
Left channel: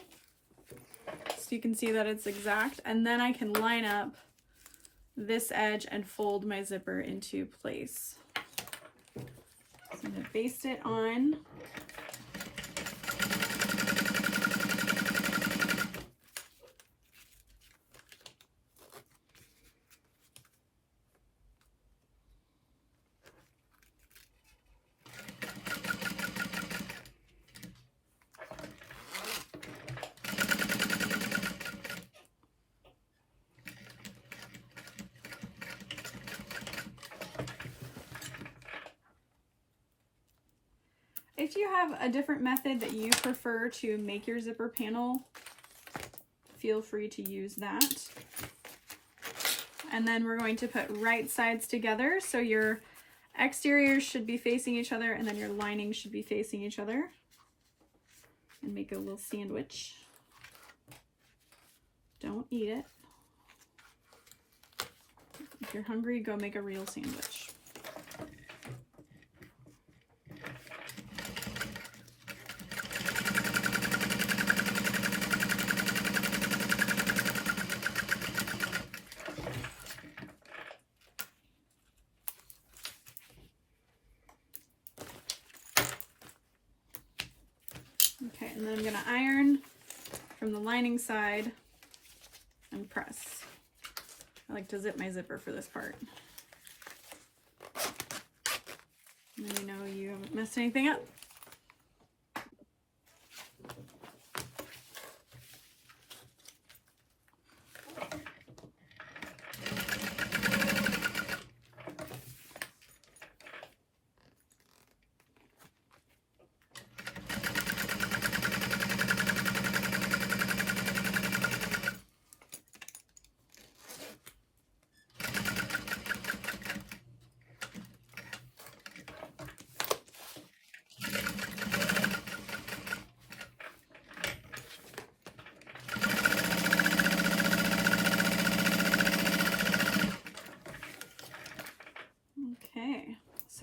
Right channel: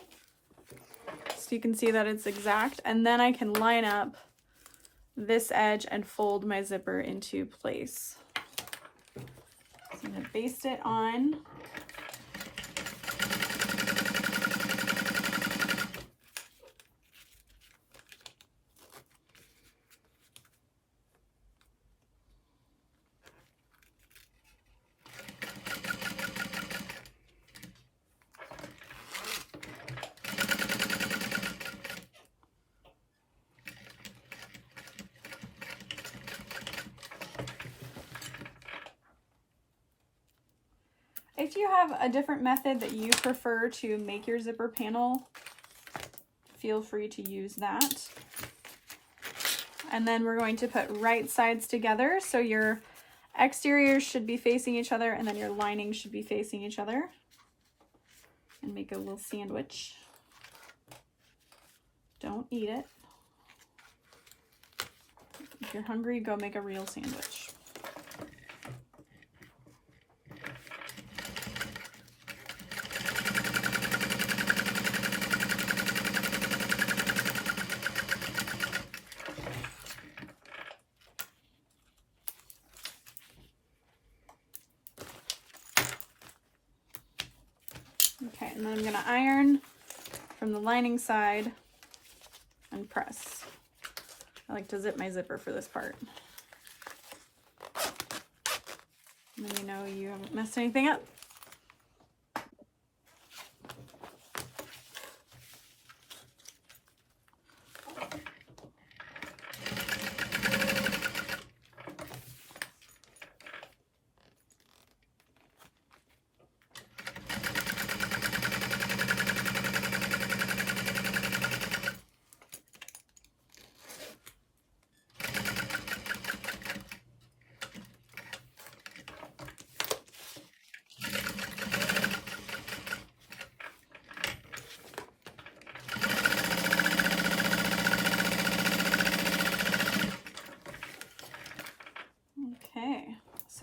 so you can see that it's exact, and then I can line up this edge and fold my zipper into place. So I'm going to baste it on. If you have a different method that you prefer to make your zipper panel, feel free to use that. And then we're going to put right sides together, so your exteriors should be facing each other and then your lining should be facing each other. And make a little sandwich. Don't eat it. If you're hungry, go make a real sandwich. Okay, and then I'm going to iron from the lining side and press. I like to zip my zipper for this part. And then you know you haven't messed anything up.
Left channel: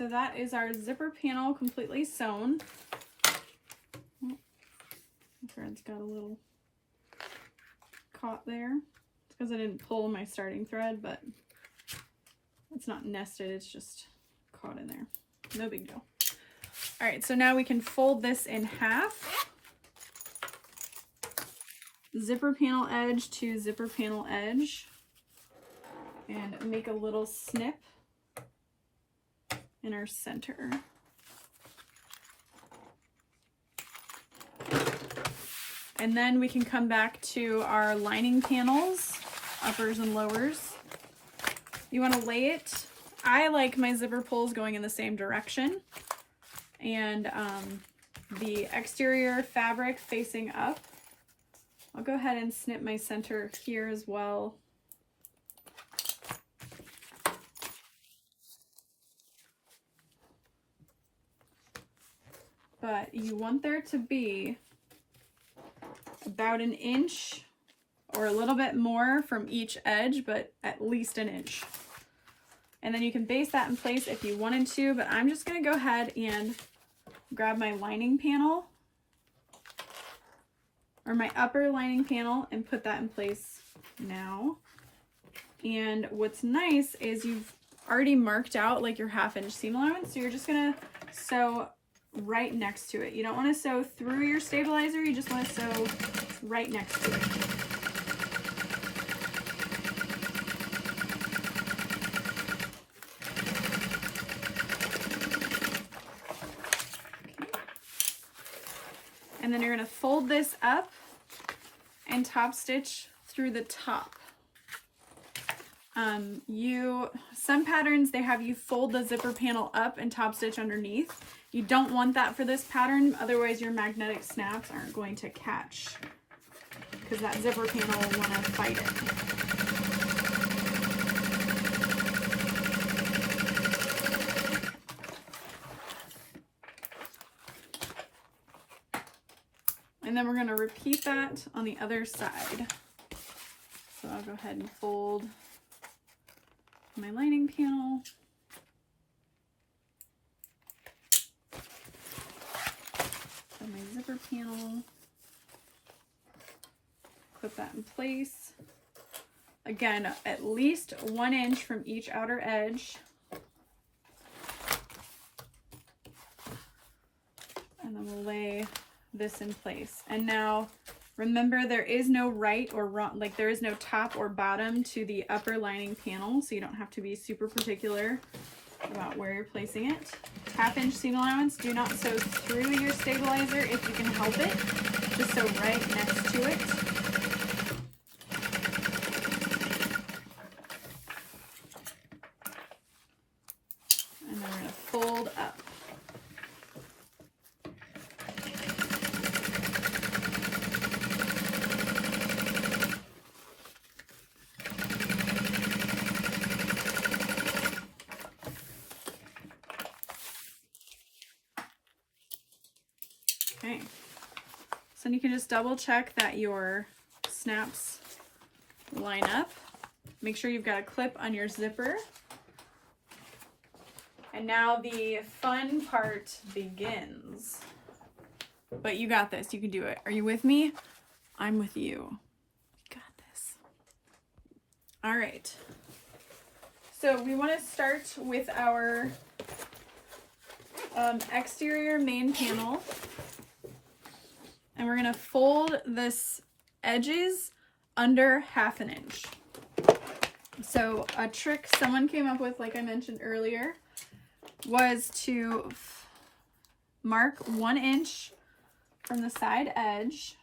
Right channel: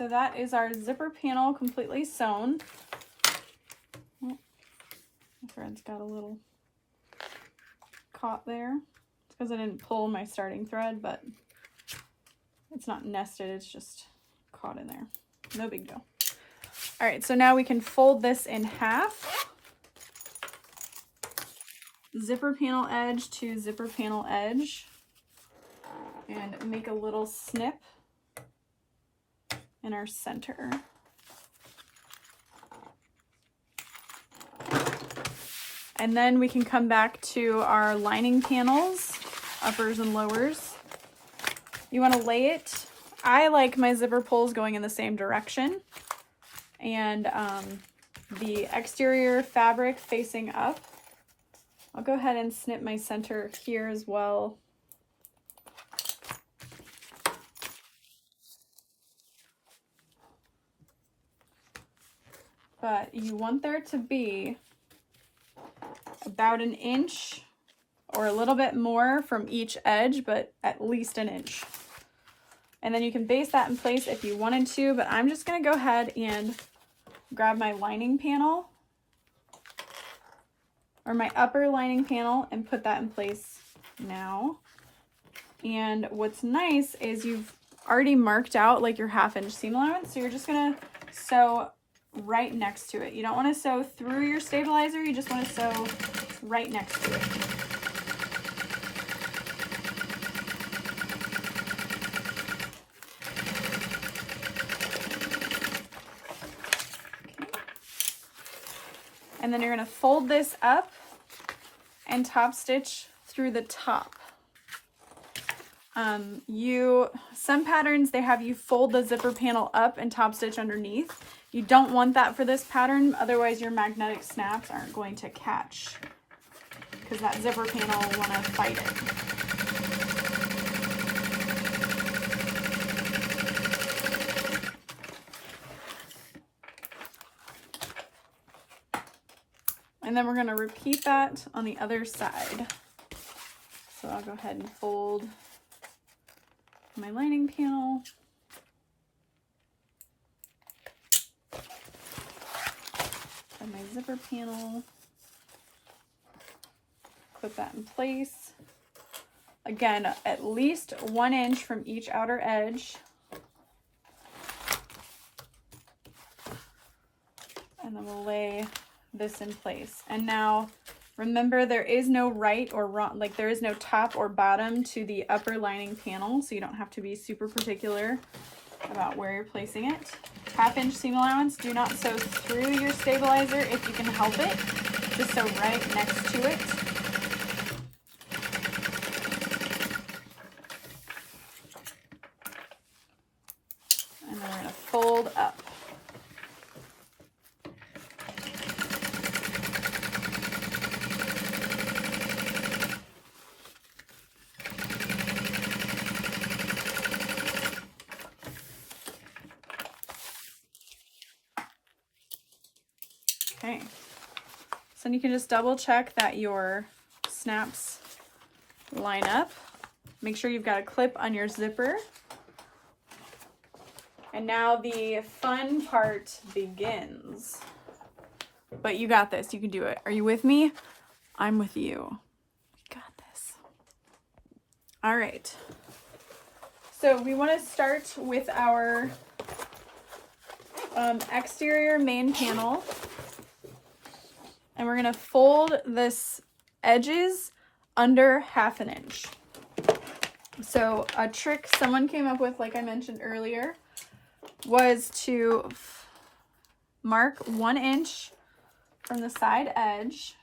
so that is our zipper panel completely sewn. Oh, the thread's got a little caught there. It's because I didn't pull my starting thread, but it's not nested, it's just caught in there. No big deal. All right, so now we can fold this in half. Zipper panel edge to zipper panel edge, and make a little snip in our center. And then we can come back to our lining panels, uppers and lowers. You want to lay it. I like my zipper pulls going in the same direction, and the exterior fabric facing up. I'll go ahead and snip my center here as well. But you want there to be about an inch or a little bit more from each edge, but at least an inch. And then you can base that in place if you wanted to, but I'm just gonna go ahead and grab my lining panel or my upper lining panel and put that in place now. And what's nice is you've already marked out like your 1/2 inch seam allowance, so you're just gonna sew right next to it. You don't want to sew through your stabilizer, you just want to sew right next to it. And then you're going to fold this up and top stitch through the top. Some patterns, they have you fold the zipper panel up and top stitch underneath. You don't want that for this pattern, otherwise your magnetic snaps aren't going to catch, because that zipper panel will want to fight it. And then we're going to repeat that on the other side. So I'll go ahead and fold my lining panel. And my zipper panel. Clip that in place. Again, at least 1 inch from each outer edge. And then we'll lay this in place. And now remember, there is no right or wrong, like there is no top or bottom to the upper lining panel, so you don't have to be super particular about where you're placing it. 1/2 inch seam allowance, do not sew through your stabilizer if you can help it. Just sew right next to it. And then we're going to fold up. Okay, so you can just double check that your snaps line up. Make sure you've got a clip on your zipper. And now the fun part begins. But you got this, you can do it. Are you with me? I'm with you. You got this. All right. So we want to start with our exterior main panel. And we're going to fold this edges under 1/2 inch. So a trick someone came up with, like I mentioned earlier, was to mark 1 inch from the side edge.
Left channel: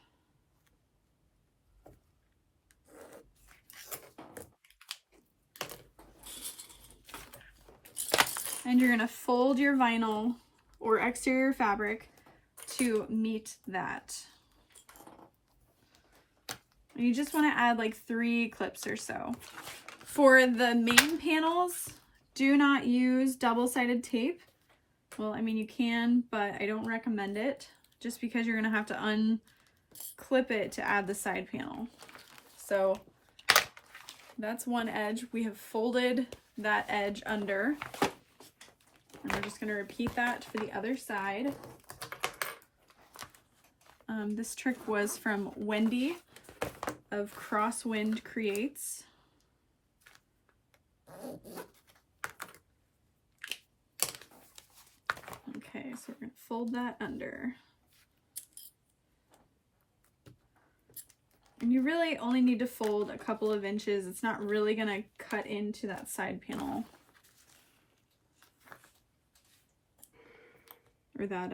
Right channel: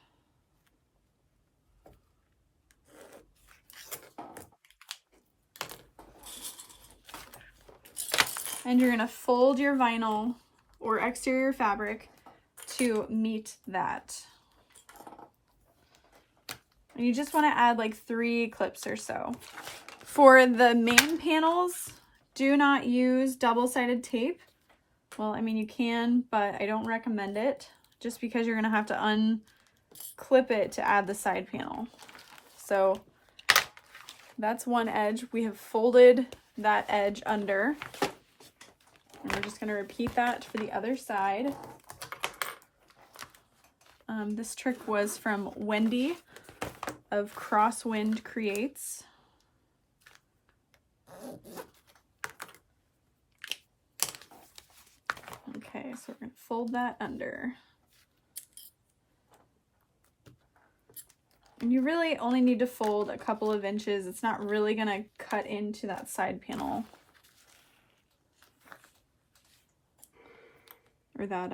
And you're going to fold your vinyl or exterior fabric to meet that. And you just want to add like 3 clips or so. For the main panels, do not use double-sided tape. Well, I mean, you can, but I don't recommend it, just because you're going to have to unclip it to add the side panel. So that's one edge. We have folded that edge under. And we're just going to repeat that for the other side. This trick was from Wendy of Crosswind Creates. Okay, so we're going to fold that under. And you really only need to fold a couple of inches. It's not really going to cut into that side panel. Or that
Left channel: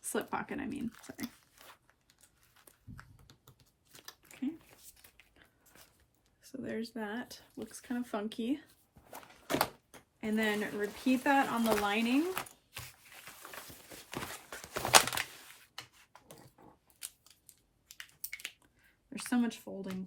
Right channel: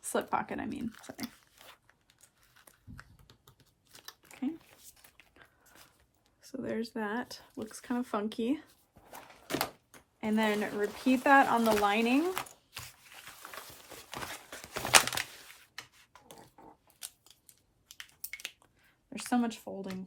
slip pocket, I mean, sorry. Okay. So there's that. Looks kind of funky. And then repeat that on the lining. There's so much folding.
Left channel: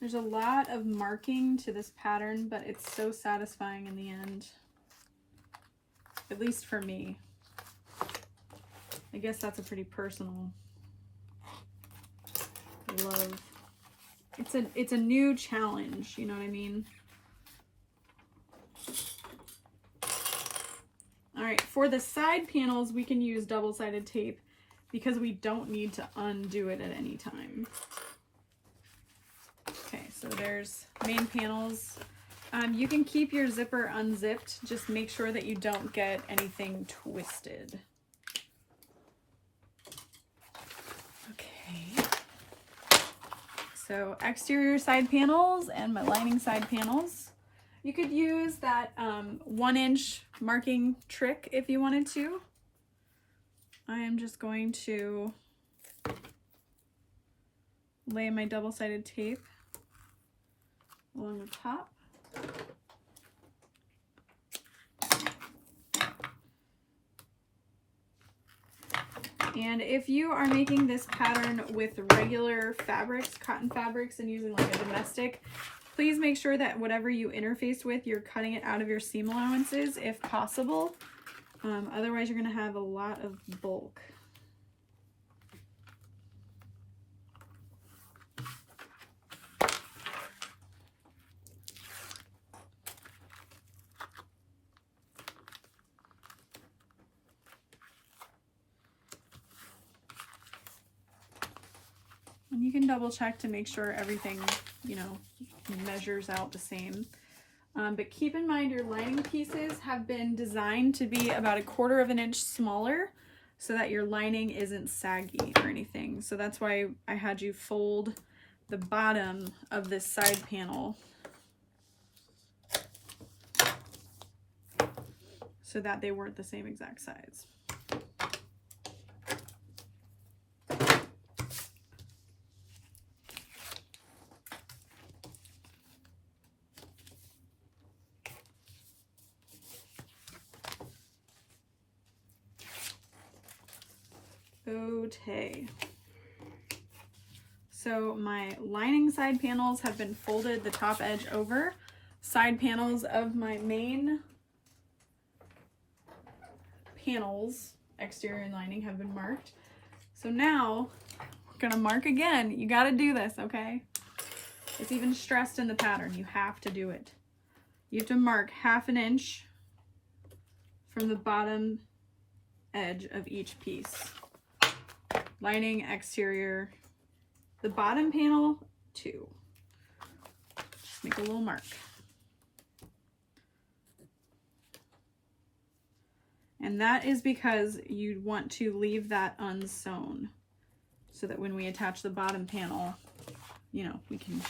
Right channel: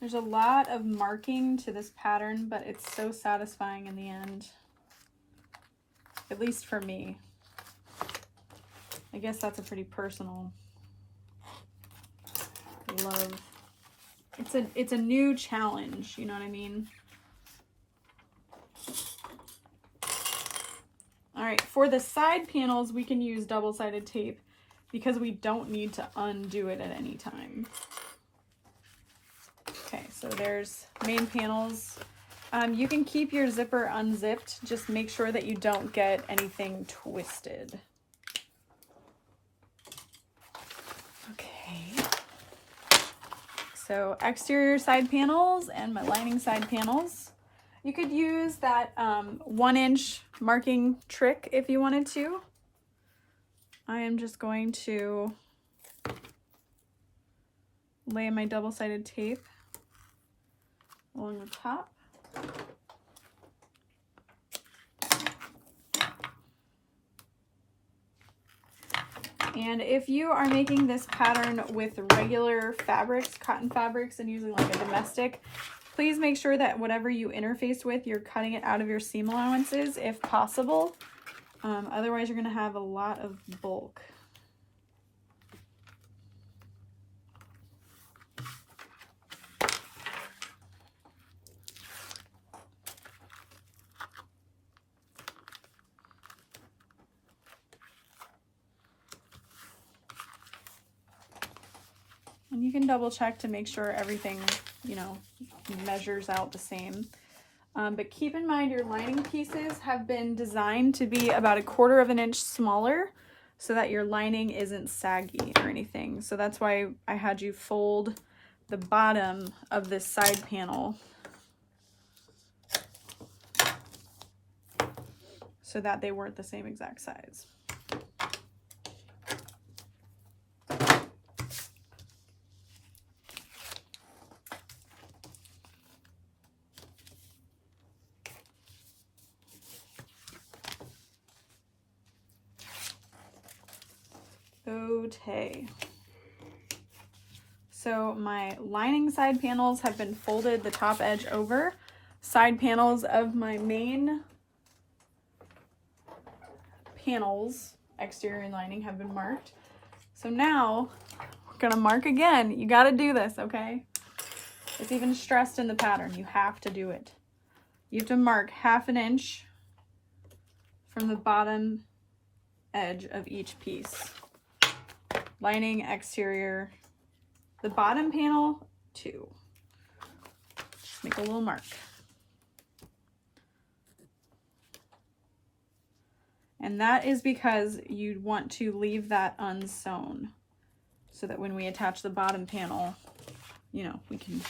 There's a lot of marking to this pattern, but it's so satisfying in the end. At least for me. I guess that's a pretty personal love. It's a new challenge, you know what I mean? All right, for the side panels, we can use double-sided tape because we don't need to undo it at any time. Okay, so there's main panels. You can keep your zipper unzipped. Just make sure that you don't get anything twisted. Okay. So exterior side panels and my lining side panels. You could use that 1-inch marking trick if you wanted to. I am just going to lay my double-sided tape along the top. And if you are making this pattern with regular fabrics, cotton fabrics, and using like a domestic, please make sure that whatever you interface with, you're cutting it out of your seam allowances if possible. Otherwise, you're going to have a lot of bulk. And you can double check to make sure everything, you know, measures out the same. But keep in mind your lining pieces have been designed to be about 1/4 of an inch smaller so that your lining isn't saggy or anything. So that's why I had you fold the bottom of this side panel so that they weren't the same exact size. Okay, so my lining side panels have been folded the top edge over. Side panels of my main panels, exterior and lining, have been marked. So now we're gonna mark again. You gotta do this, okay? It's even stressed in the pattern. You have to do it. You have to mark 1/2 inch from the bottom edge of each piece. Lining, exterior, the bottom panel, 2. Just make a little mark. And that is because you want to leave that unsewn so that when we attach the bottom panel, you know, we can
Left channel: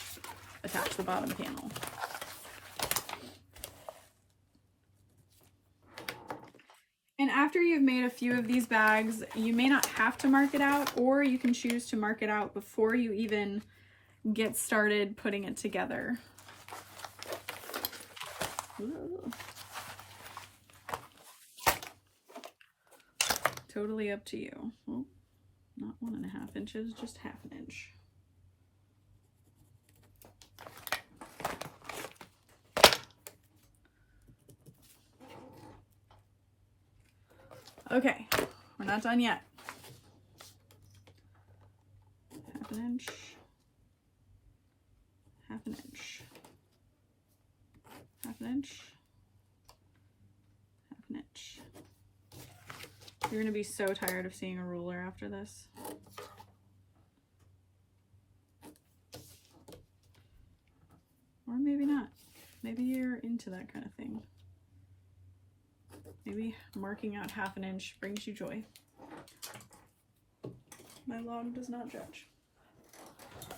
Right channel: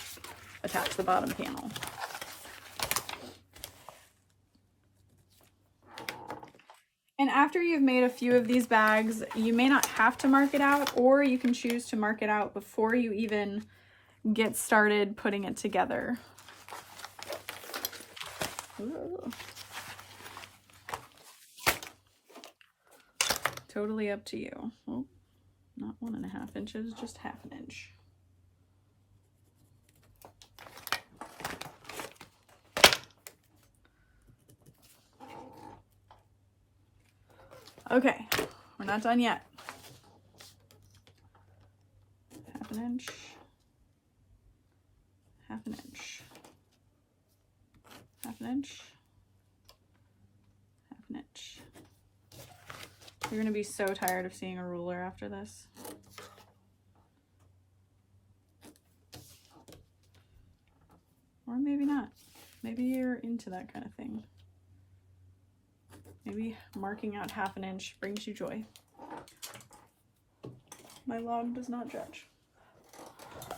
attach the bottom panel. And after you've made a few of these bags, you may not have to mark it out, or you can choose to mark it out before you even get started putting it together. Ooh. Totally up to you. Well, not 1.5 inches, just 1/2 inch. Okay, we're not done yet. 1/2 inch, 1/2 inch, 1/2 inch, 1/2 inch. You're gonna be so tired of seeing a ruler after this. Or maybe not. Maybe you're into that kind of thing. Maybe marking out 1/2 inch brings you joy. My log does not judge.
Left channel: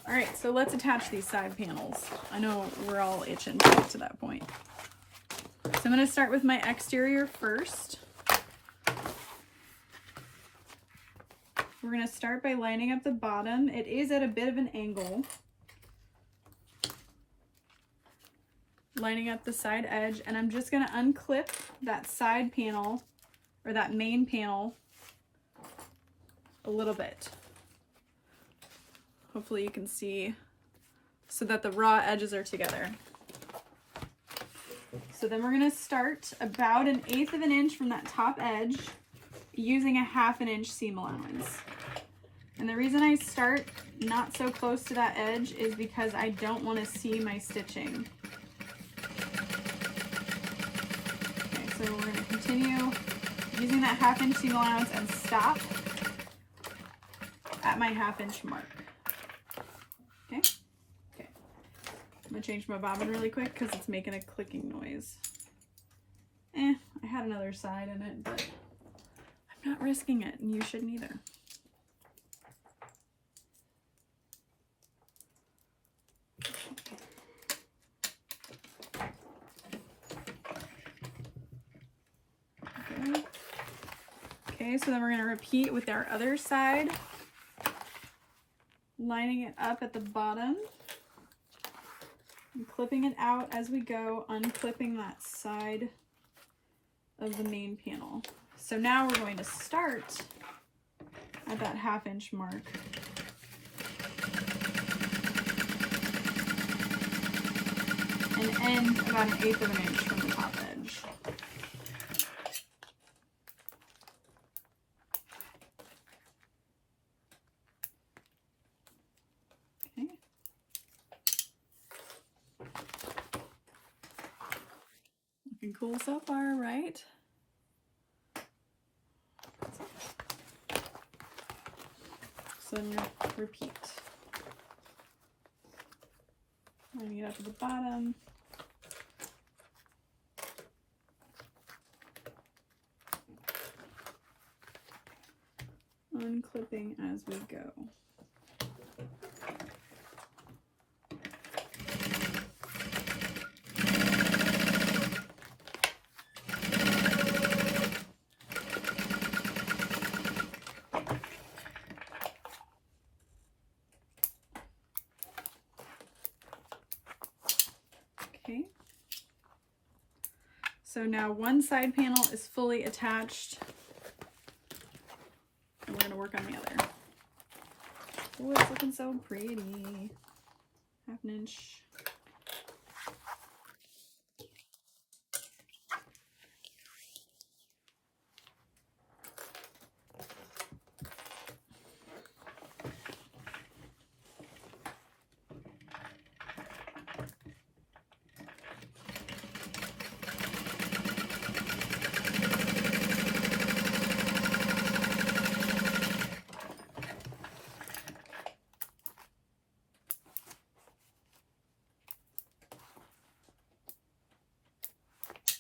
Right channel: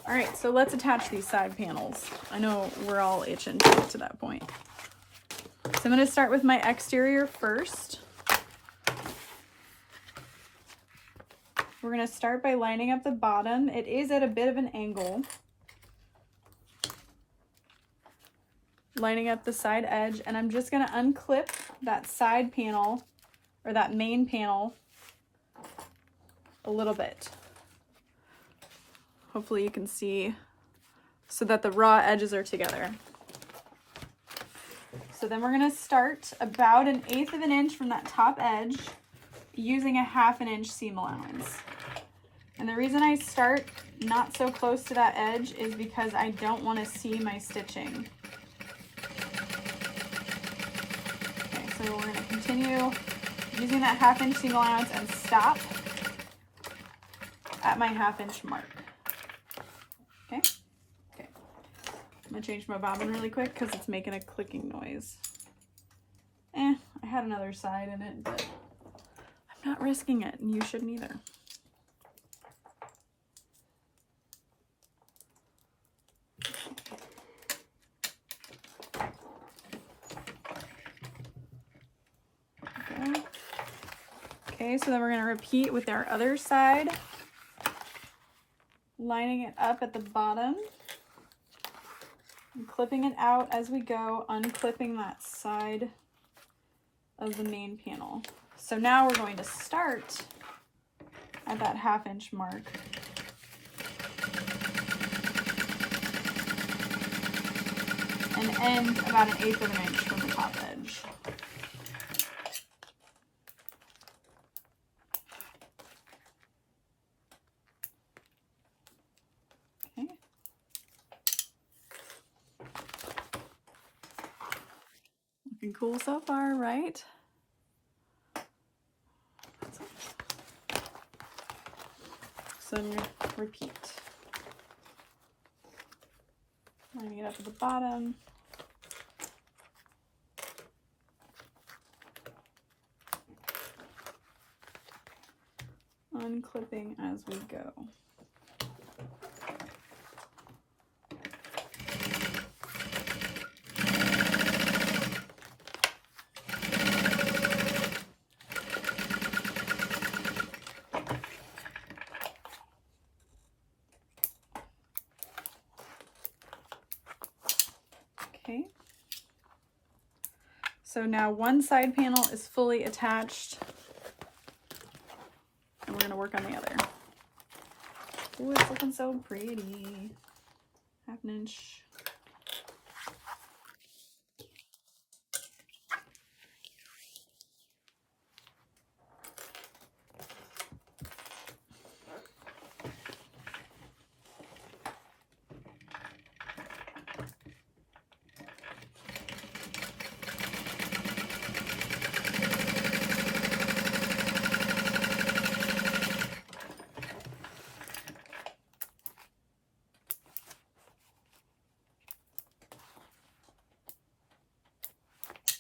All right, so let's attach these side panels. I know we're all itching to get to that point. So I'm gonna start with my exterior first. We're gonna start by lining up the bottom. It is at a bit of an angle. Lining up the side edge, and I'm just gonna unclip that side panel, or that main panel, a little bit. Hopefully you can see, so that the raw edges are together. So then we're gonna start about 1/8 of an inch from that top edge, using a 1/2 inch seam allowance. And the reason I start not so close to that edge is because I don't want to see my stitching. Okay, so we're going to continue using that 1/2 inch seam allowance and stop at my 1/2 inch mark. Okay? Okay. I'm going to change my bobbin really quick because it's making a clicking noise. I had another side in it, but I'm not risking it, and you shouldn't either. Okay, so then we're going to repeat with our other side, lining it up at the bottom, and clipping it out as we go, unclipping that side of the main panel. So now we're going to start at that 1/2 inch mark. And end about 1/8 of an inch from the top edge. Okay. Looking cool so far, right? So repeat. Lining it up at the bottom. Unclipping as we go. Okay. So now one side panel is fully attached. And we're going to work on the other. Oh, it's looking so pretty. 1/2 inch.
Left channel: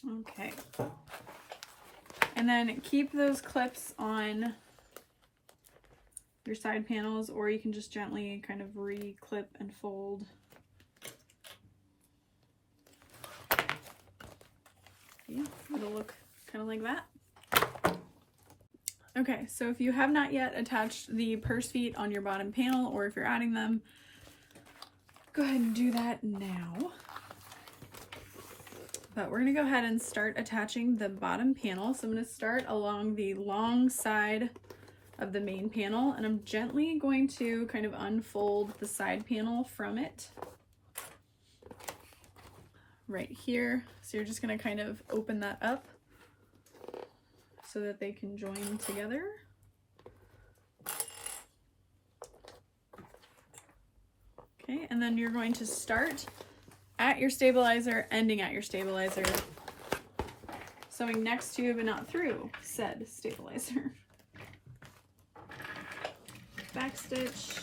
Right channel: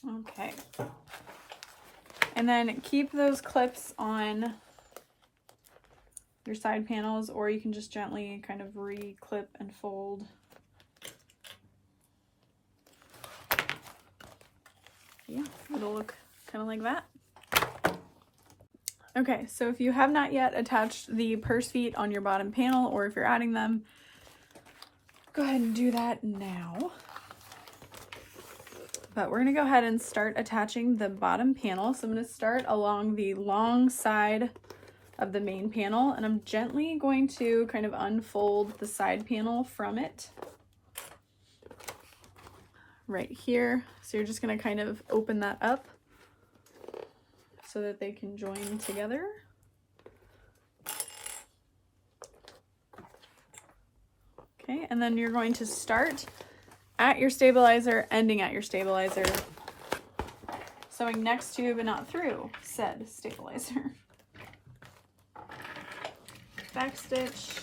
Okay. And then keep those clips on your side panels, or you can just gently kind of re-clip and fold. Yeah, it'll look kind of like that. Okay, so if you have not yet attached the purse feet on your bottom panel, or if you're adding them, go ahead and do that now. But we're gonna go ahead and start attaching the bottom panel. So I'm gonna start along the long side of the main panel, and I'm gently going to kind of unfold the side panel from it right here. So you're just gonna kind of open that up so that they can join together. Okay, and then you're going to start at your stabilizer, ending at your stabilizer, sewing next to but not through said stabilizer. Back stitch.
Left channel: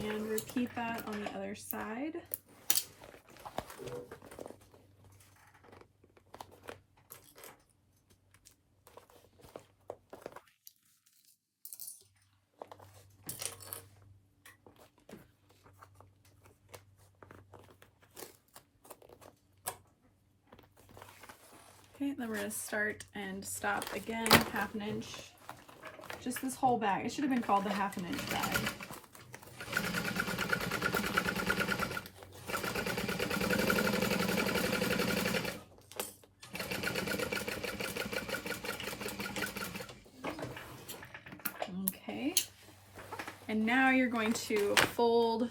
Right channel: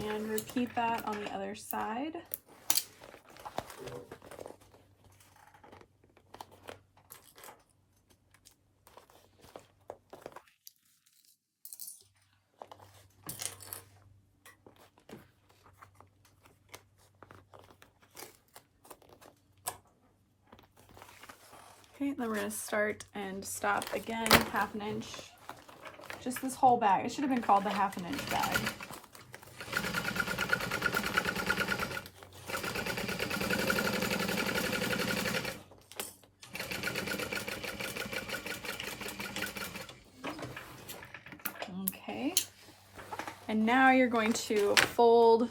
And repeat that on the other side. Okay, then we're going to start and stop again, 1/2 inch. Just this whole bag. It should have been called the 1/2 inch bag. Okay, and now you're going to fold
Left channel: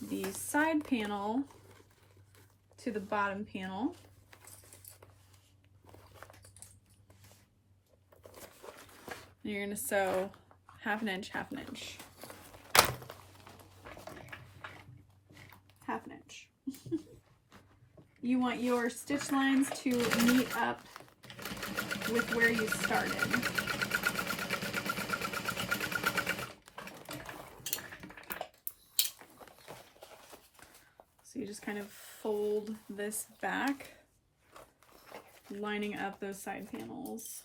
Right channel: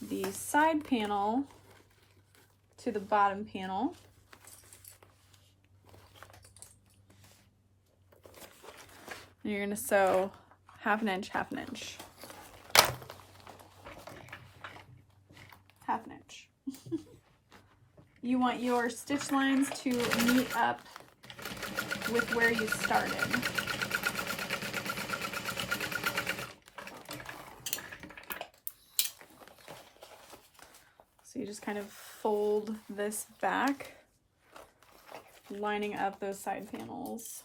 the side panel to the bottom panel. You're going to sew 1/2 inch, 1/2 inch. 1/2 inch. You want your stitch lines to meet up with where you started. So you just kind of fold this back, lining up those side panels.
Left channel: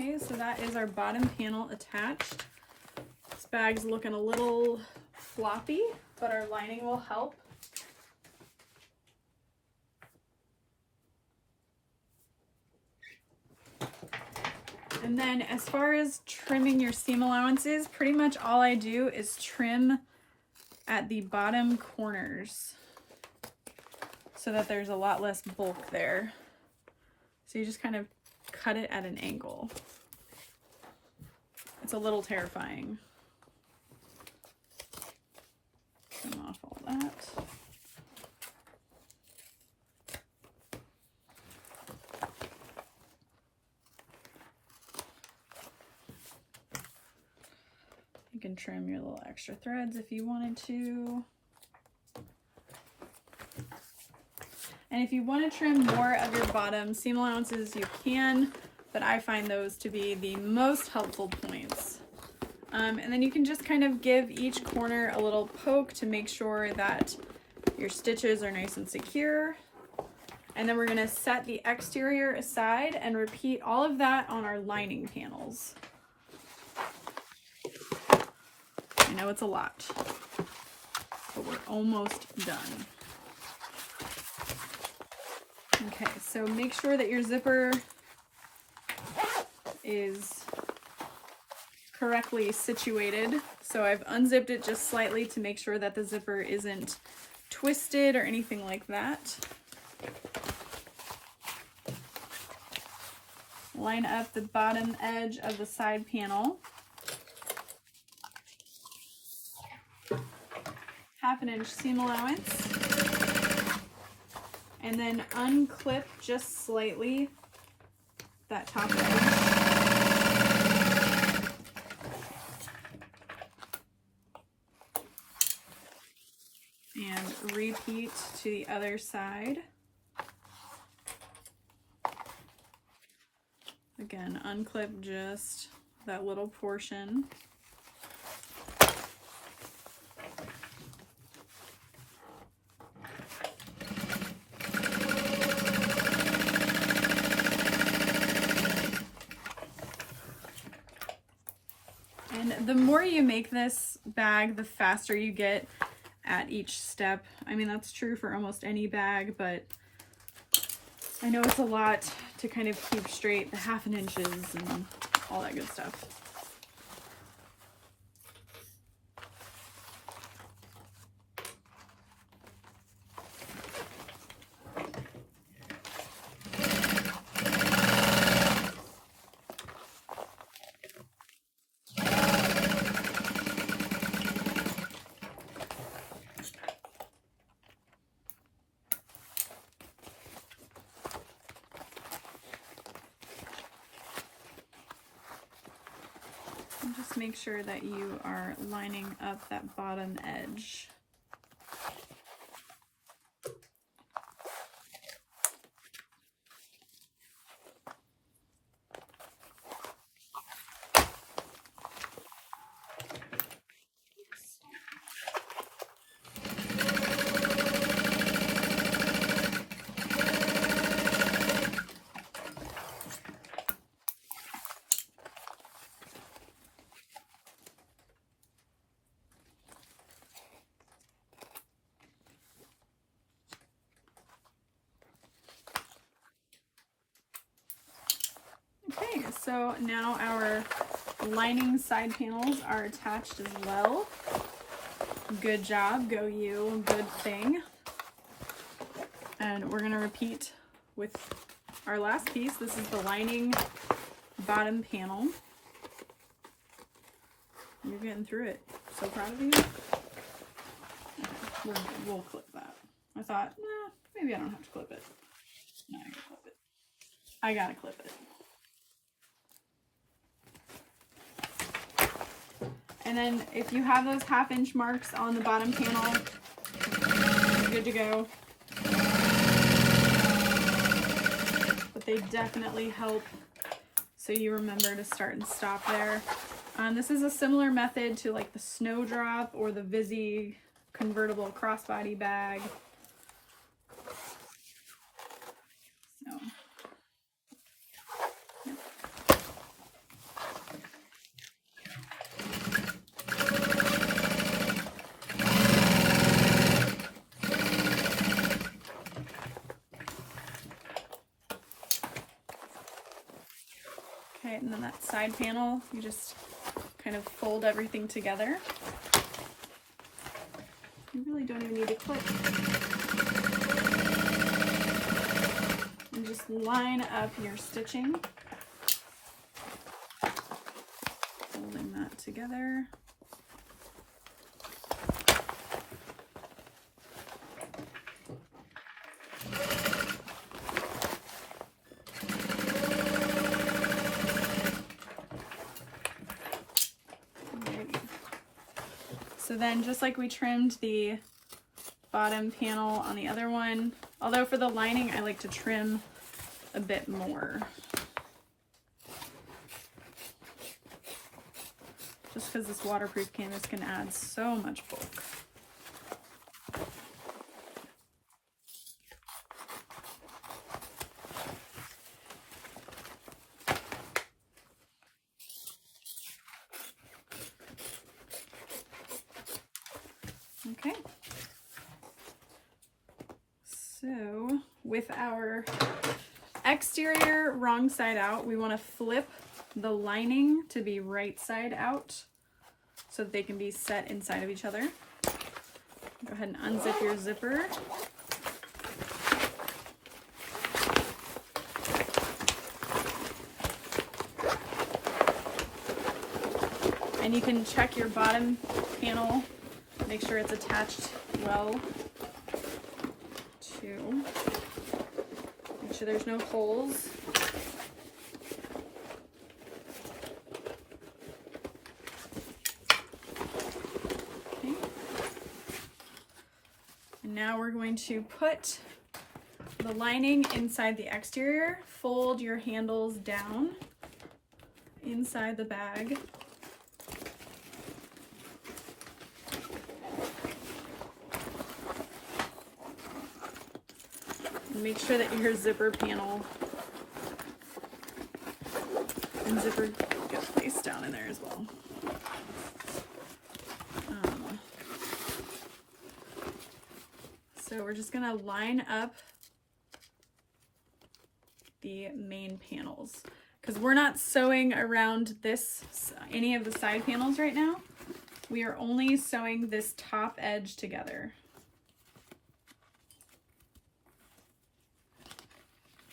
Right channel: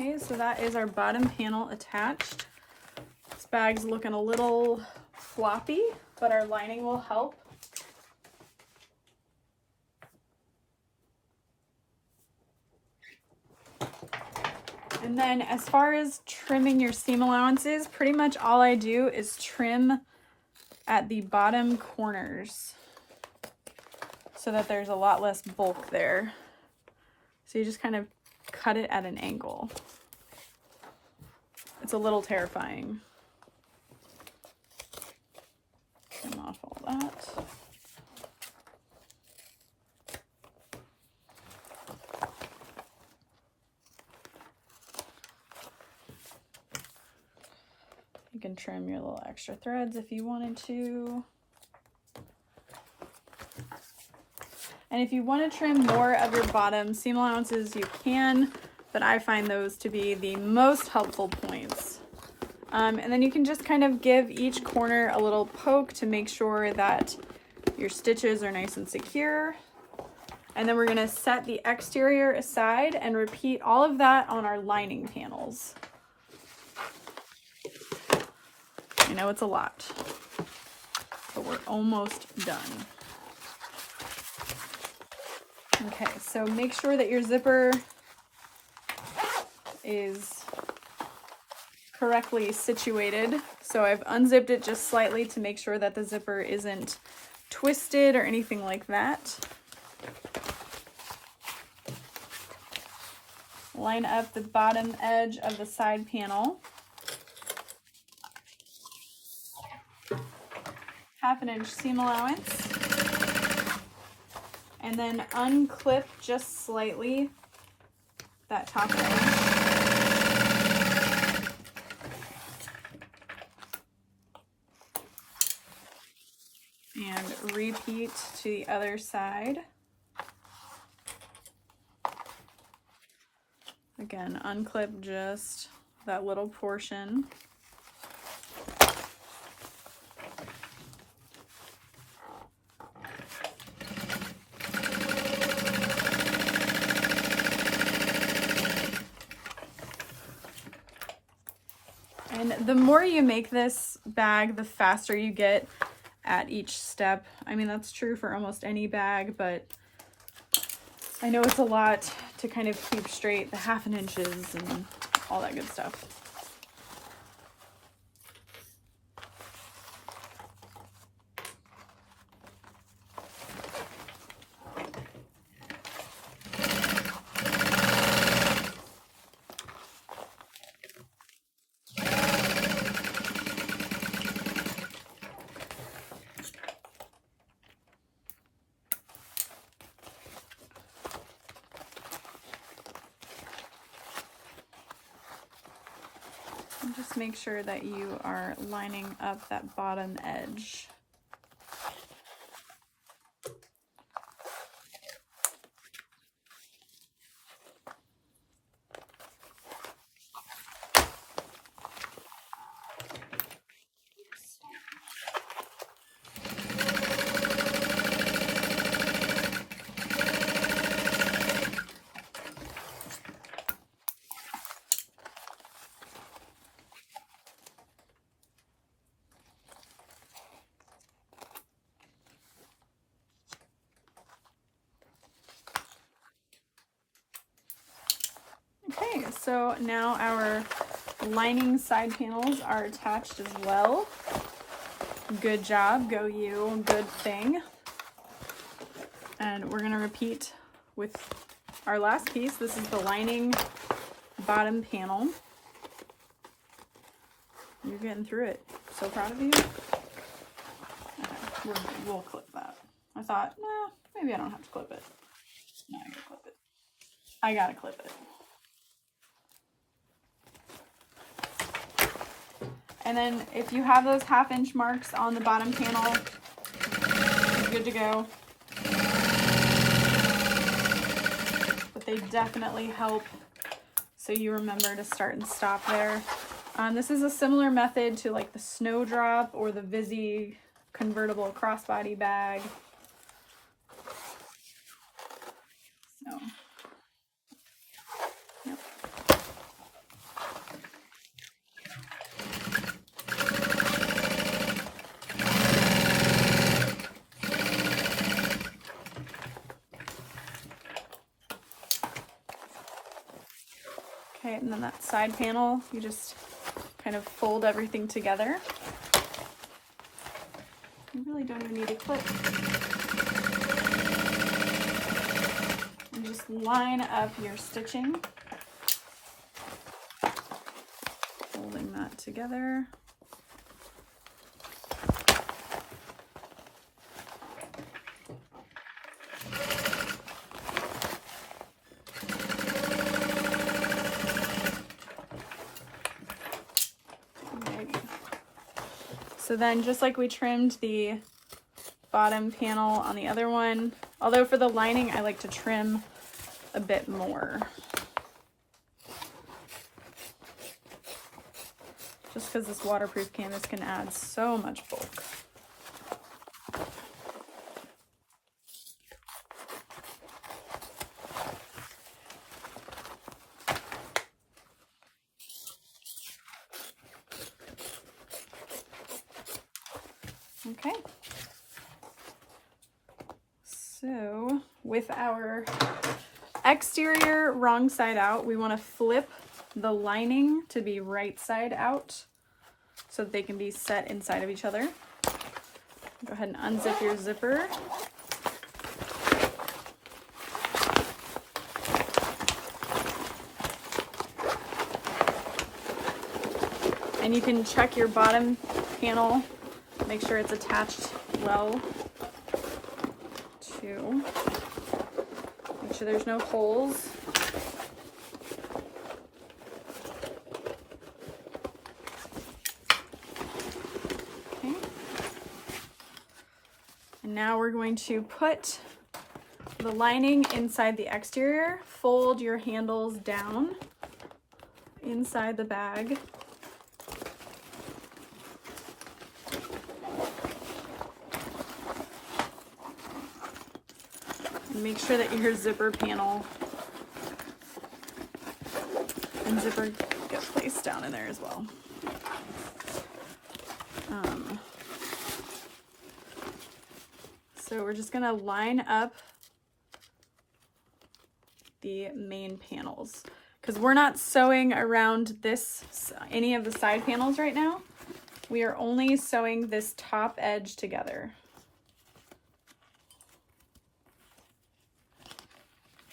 Okay, so that is our bottom panel attached. This bag's looking a little floppy, but our lining will help. And then as far as trimming your seam allowances, pretty much all I do is trim at the bottom corners so that there's a lot less bulk there. So you just kind of cut it at an angle. It's a little terrifying. Trim off all that. You can trim your little extra threads if you wanted to. And if you want to trim more of your bottom seam allowances, you can, but I find those to be the most helpful points. And then you can just kind of give each corner a little poke to make sure that your stitches are nice and secure. And then we're going to set the exterior aside and repeat all of that on our lining panels. I know it's a lot, but we're almost done. Okay, so make sure that your zipper is correctly situated. So I've unzipped it just slightly to make sure that the zipper isn't twisted or anything like that. Line up the bottom edge of the side panel. 1/2 inch seam allowance. And then unclip just slightly that top edge. And repeat to the other side. again, unclip just that little portion. And the more you make this bag, the faster you get at each step. I mean, that's true for almost any bag, but I know it's a lot to kind of keep straight the 1/2 inches and all that good stuff. And just make sure that you are lining up that bottom edge. Okay, so now our lining side panels are attached as well. Good job, go you, good thing. And we're gonna repeat with our last piece. This is the lining bottom panel. You're getting through it. So proud of you. Okay, we'll clip that. I thought, nah, maybe I don't have to clip it. No, I gotta clip it. I gotta clip it. And then if you have those 1/2 inch marks on the bottom panel, you're good to go. But they definitely help, so you remember to start and stop there. This is a similar method to like the Snowdrop or the Vizzy convertible crossbody bag. So. Okay, and then that side panel, you just kind of fold everything together. You really don't even need to clip. And just line up your stitching. Folding that together. So then just like we trimmed the bottom panel on the other one, although for the lining I like to trim a bit more. Just because this waterproof canvas can add so much bulk. Okay, so with our exterior wrong side out, we want to flip the lining to be right side out so that they can be set inside of each other. Go ahead and unzip your zipper. And you can check your bottom panel. Make sure it's attached well to, make sure there's no holes. Okay. And now we're going to put the lining inside the exterior. Fold your handles down inside the bag. Make sure that your zipper panel and zipper get placed down in there as well. So we're just gonna line up the main panels because we're not sewing around any of the side panels right now. We are only sewing this top edge together.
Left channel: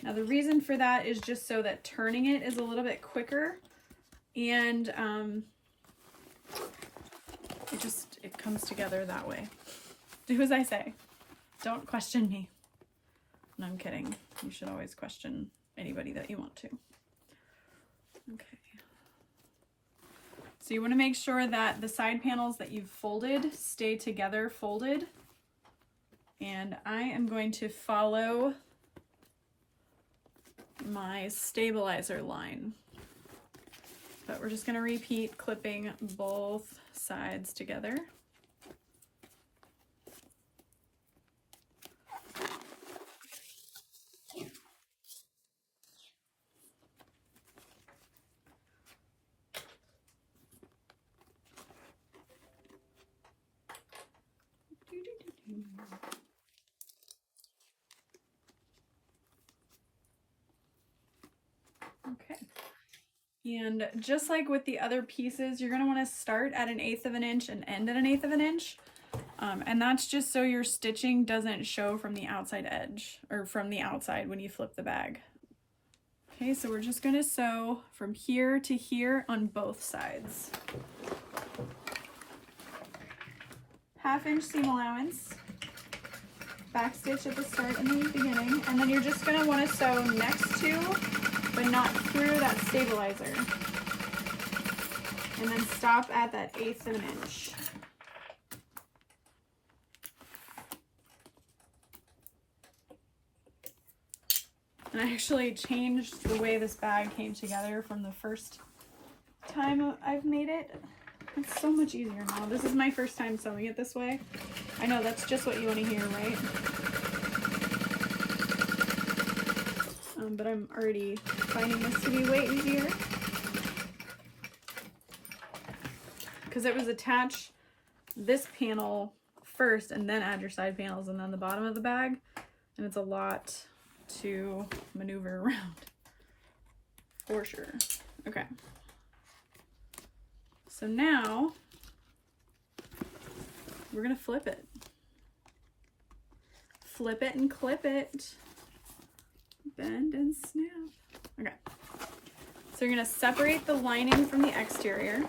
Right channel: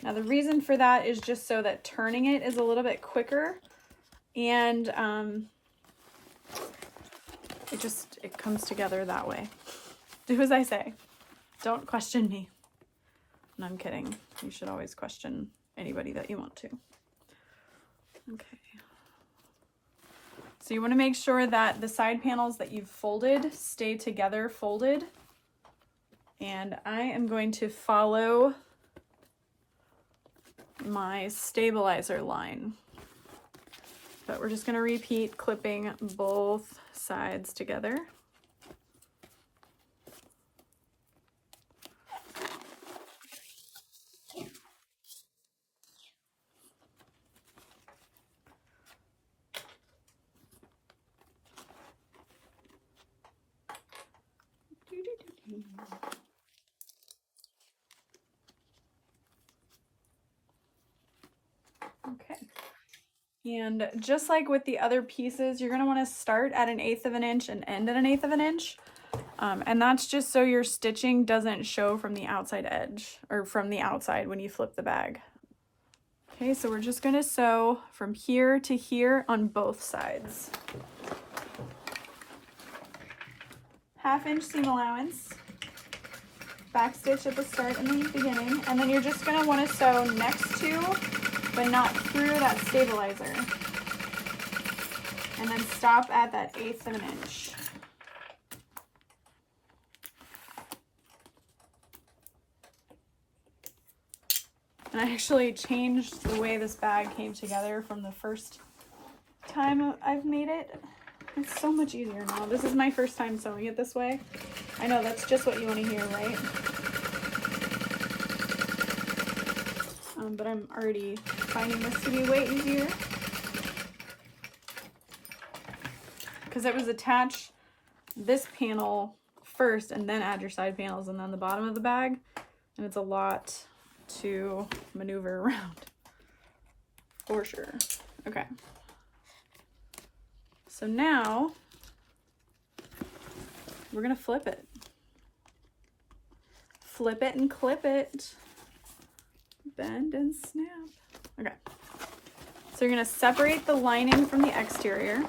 Now the reason for that is just so that turning it is a little bit quicker, and it comes together that way. Do as I say. Don't question me. No, I'm kidding. You should always question anybody that you want to. Okay. So you want to make sure that the side panels that you've folded stay together folded. And I am going to follow my stabilizer line, but we're just going to repeat clipping both sides together. Okay, and just like with the other pieces, you're going to want to start at 1/8 of an inch and end at 1/8 of an inch. And that's just so your stitching doesn't show from the outside edge or from the outside when you flip the bag. Okay, so we're just going to sew from here to here on both sides. 1/2 inch seam allowance, back stitch at the start and the beginning, and then you're just going to want to sew next to but not through that stabilizer, and then stop at that 1/8 of an inch. And I actually changed the way this bag came together from the first time I've made it. It's so much easier now. This is my first time sewing it this way. I know that's just what you want to hear, right? But I'm already finding this to be way easier because it was attached this panel first and then add your side panels and then the bottom of the bag, and it's a lot to maneuver around for sure. Okay, so now we're gonna flip it and clip it, bend and snap. Okay, so you're gonna separate the lining from the exterior,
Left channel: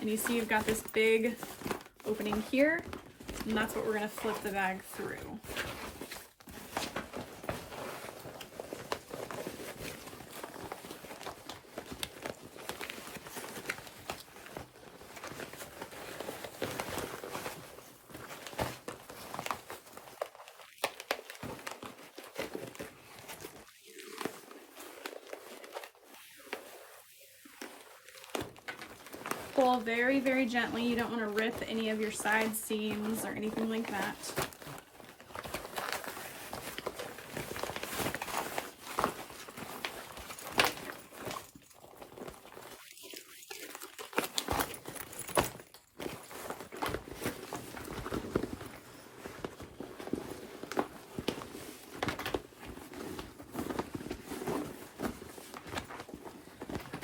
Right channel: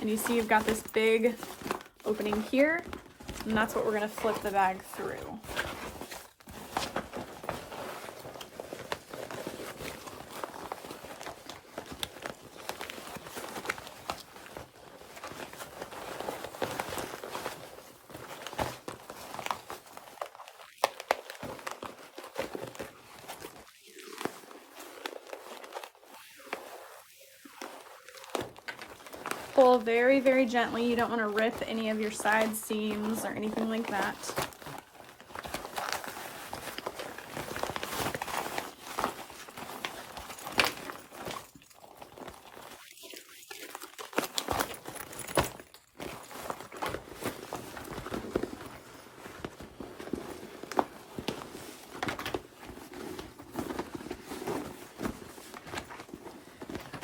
and you see you've got this big opening here, and that's what we're gonna flip the bag through. Pull very, very gently. You don't want to rip any of your side seams or anything like that.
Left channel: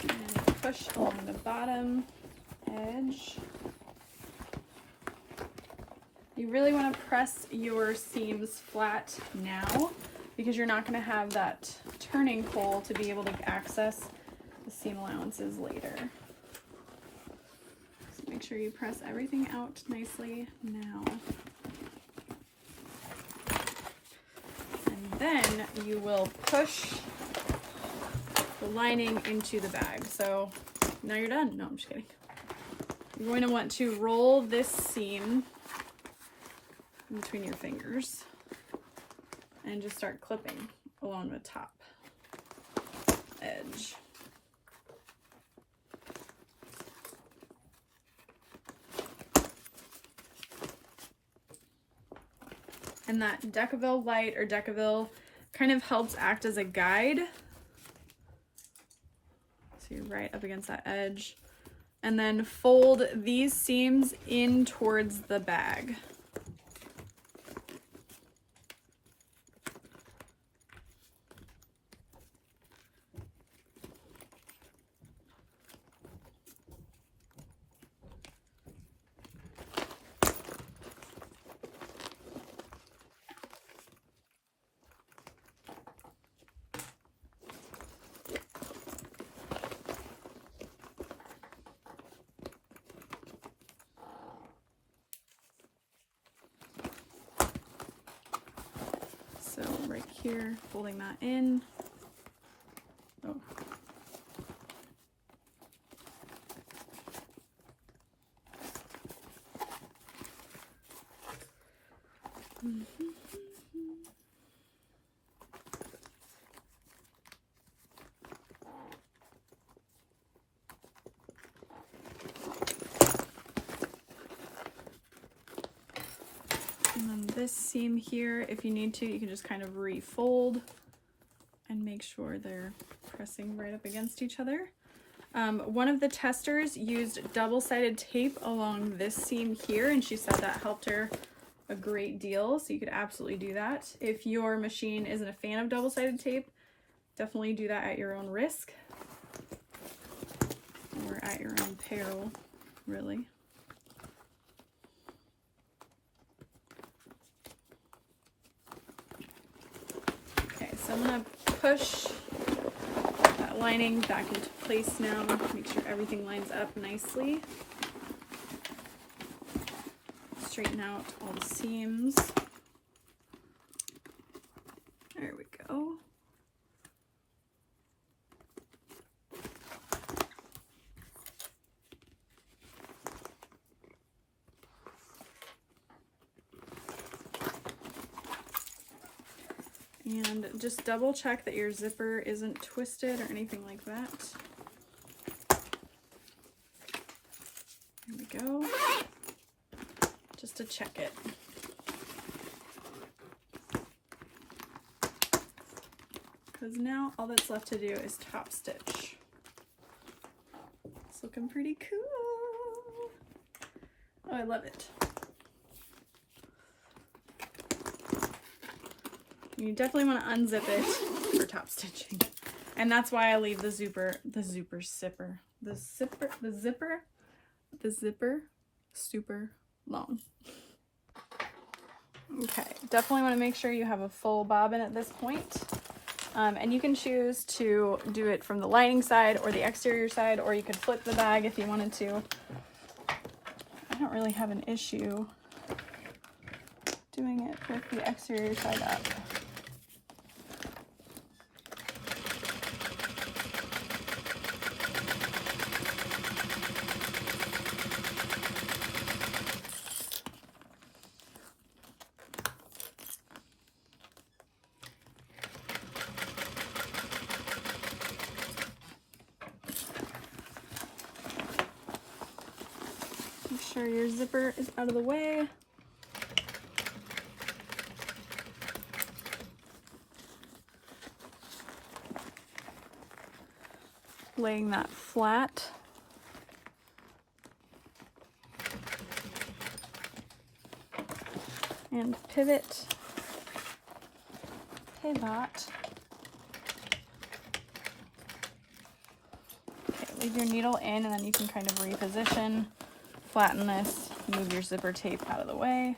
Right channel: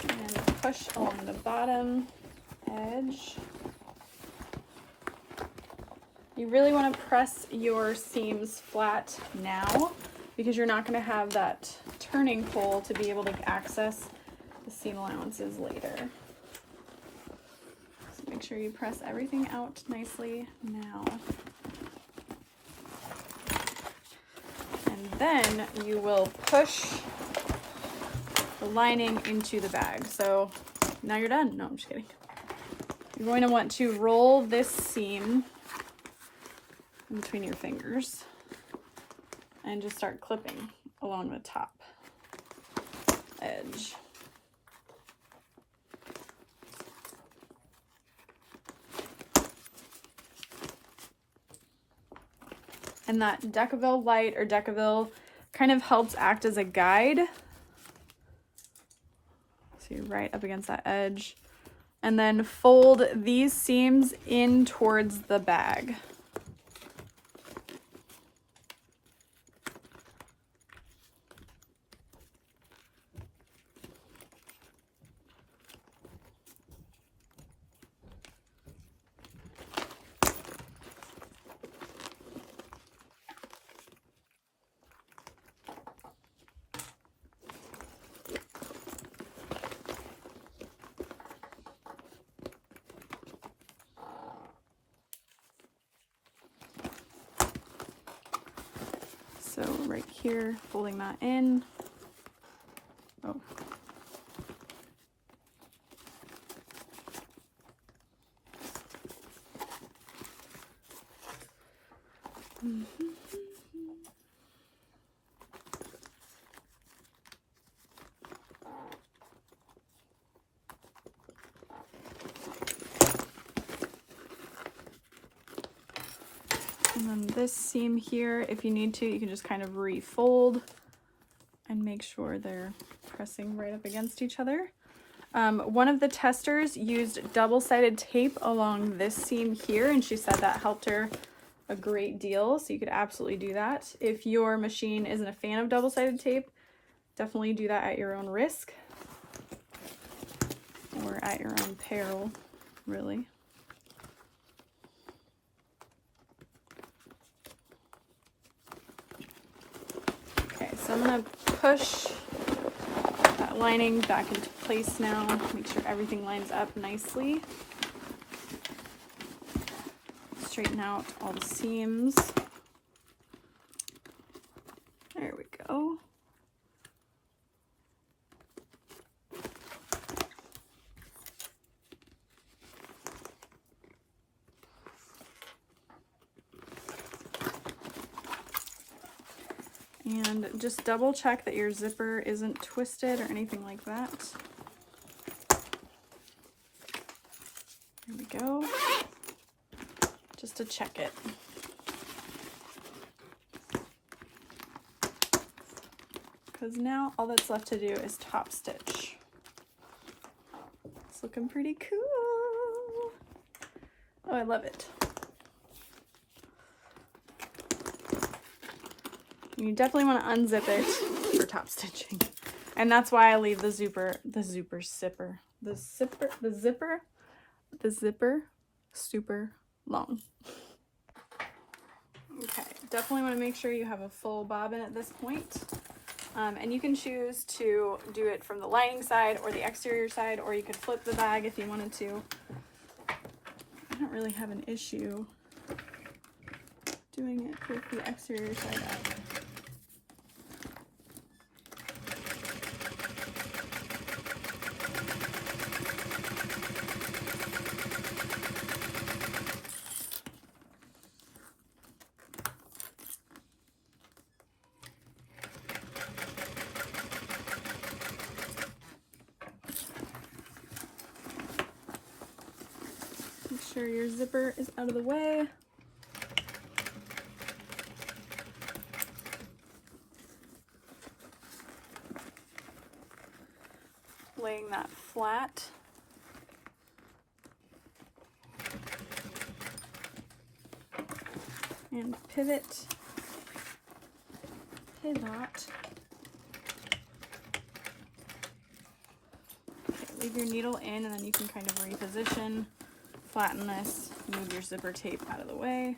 And push on the bottom edge. You really want to press your seams flat now because you're not going to have that turning pole to be able to access the seam allowances later. So make sure you press everything out nicely now. And then you will push the lining into the bag. So now you're done. No, I'm just kidding. You're going to want to roll this seam in between your fingers and just start clipping along the top edge. And that Decaville light or Decaville kind of helps act as a guide. So you're right up against that edge. And then fold these seams in towards the bag. So right here, folding that in. Oh. And then this seam here, if you need to, you can just kind of refold and make sure they're pressing right up against each other. One of the testers used double-sided tape along this seam here, and she said that helped her a great deal, so you could absolutely do that. If your machine isn't a fan of double-sided tape, definitely do that at your own risk, or at your own peril, really. So I'm going to push that lining back into place now, make sure everything lines up nicely. Straighten out all the seams. There we go. And just double check that your zipper isn't twisted or anything like that. There we go. Just to check it. Because now all that's left to do is top stitch. It's looking pretty cool. Oh, I love it. You definitely want to unzip it for top stitching. And that's why I leave the zipper super long. Okay, definitely want to make sure you have a full bobbin at this point. And you can choose to do it from the lining side or the exterior side, or you could flip the bag if you wanted to. I don't really have an issue doing it with the exterior side up. Make sure your zipper is out of the way. Laying that flat. And pivot. Pivot. Okay, leave your needle in, and then you can kind of reposition. Flatten this, move your zipper tape out of the way.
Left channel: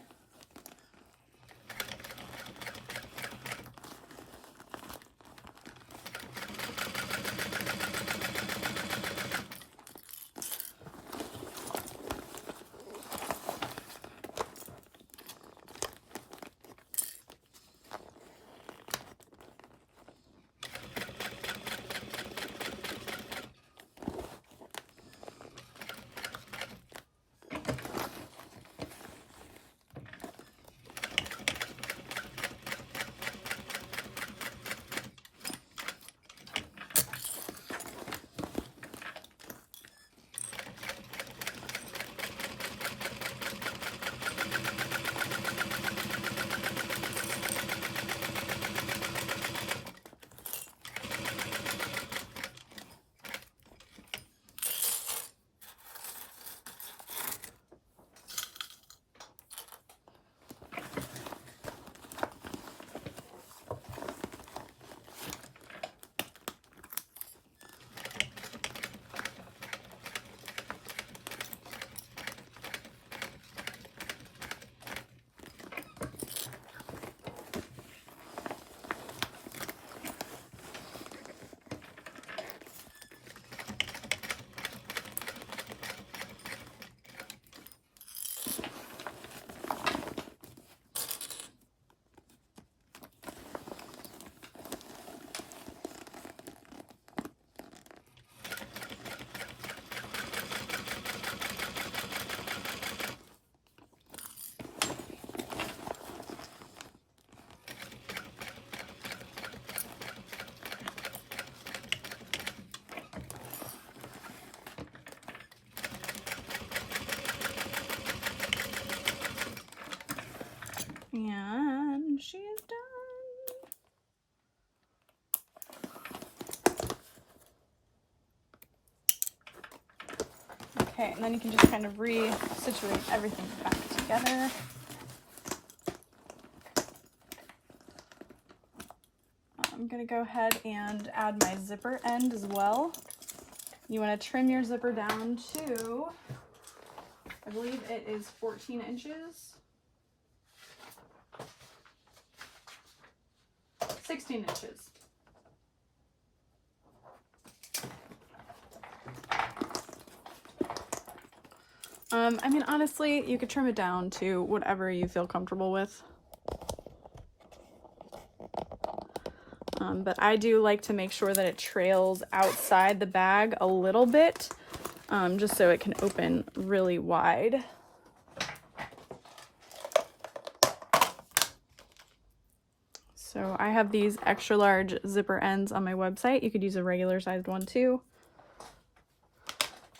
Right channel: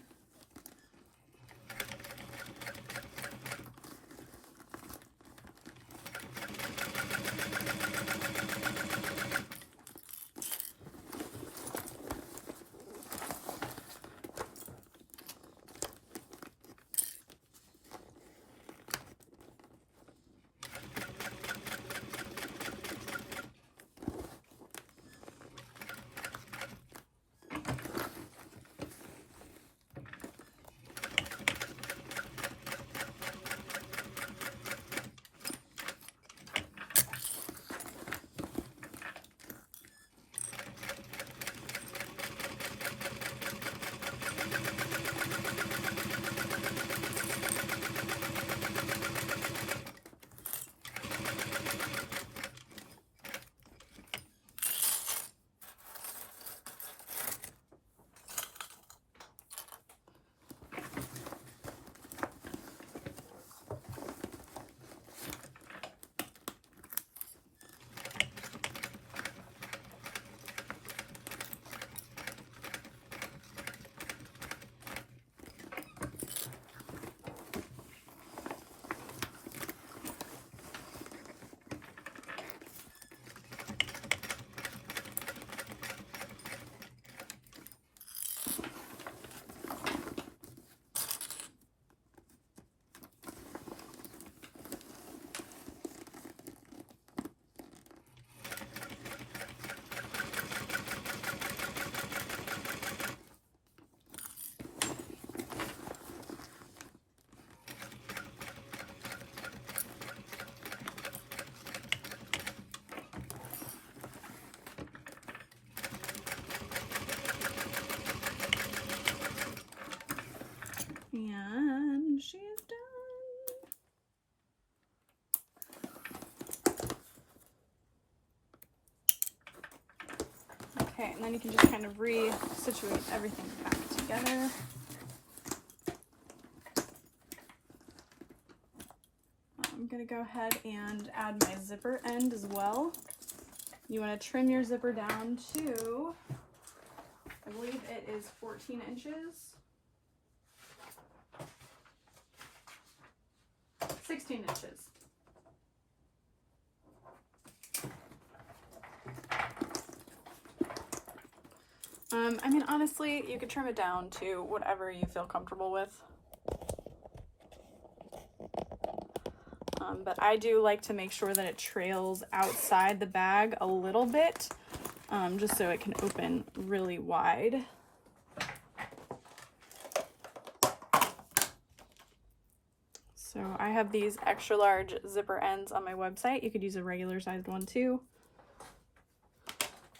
Okay, and then you can just kind of re-situate everything back together. I'm gonna go ahead and add my zipper end as well. You want to trim your zipper down to, I believe it is 14 inches. 16 inches. I mean, honestly, you could trim it down to whatever you feel comfortable with. But I do like to make sure that it trails outside the bag a little bit, just so it can open really wide. So I have these extra large zipper ends on my website. You could use a regular sized one too,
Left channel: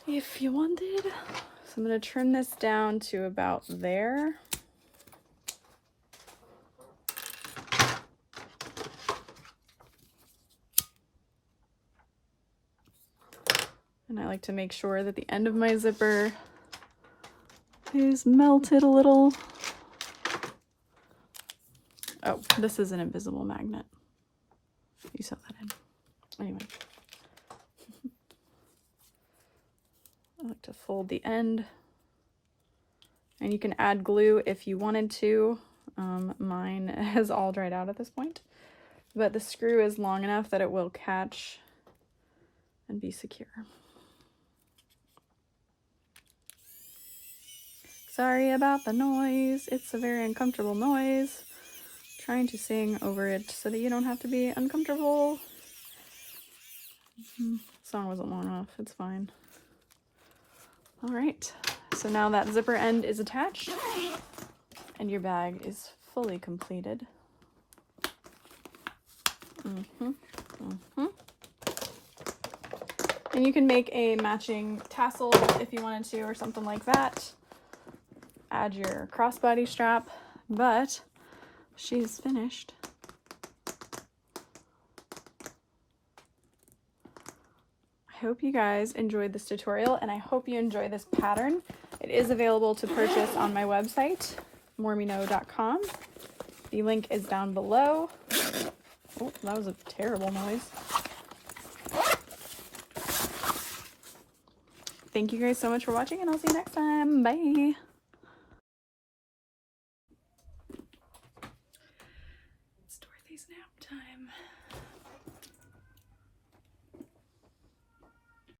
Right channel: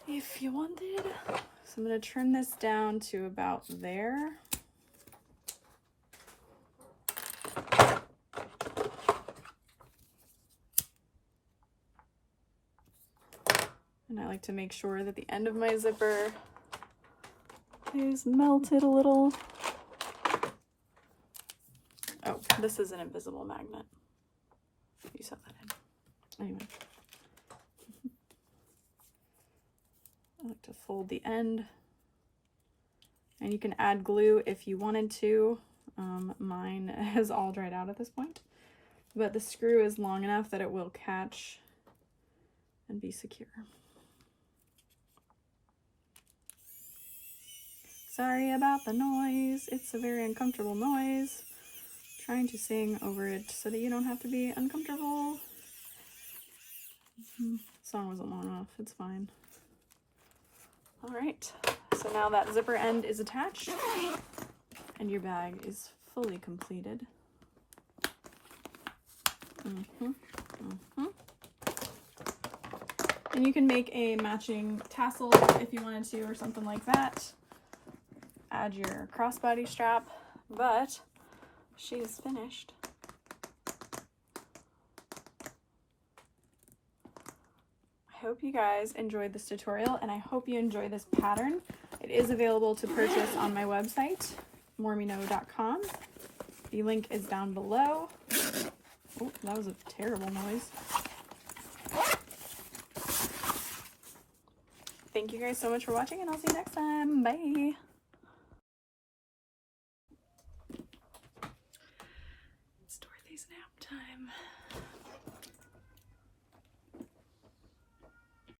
if you wanted. So I'm going to trim this down to about there. And I like to make sure that the end of my zipper is melted a little. Oh, this is an invisible magnet. You set that in. Anyway. I like to fold the end. And you can add glue if you wanted to. Mine has all dried out at this point. But the screw is long enough that it will catch and be secure. Sorry about the noise. It's a very uncomfortable noise. Trying to sing over it so that you don't have to be uncomfortable. The song wasn't long enough. It's fine. All right. So now that zipper end is attached and your bag is fully completed. And you can make a matching tassel if you wanted to, or something like that. Add your crossbody strap, but she's finished. I hope you guys enjoyed this tutorial, and I hope you enjoy this pattern. It is available to purchase on my website, mormino.com. The link is down below. Oh, that was a terrible noise. Thank you guys so much for watching, and I'll see you next time. Bye!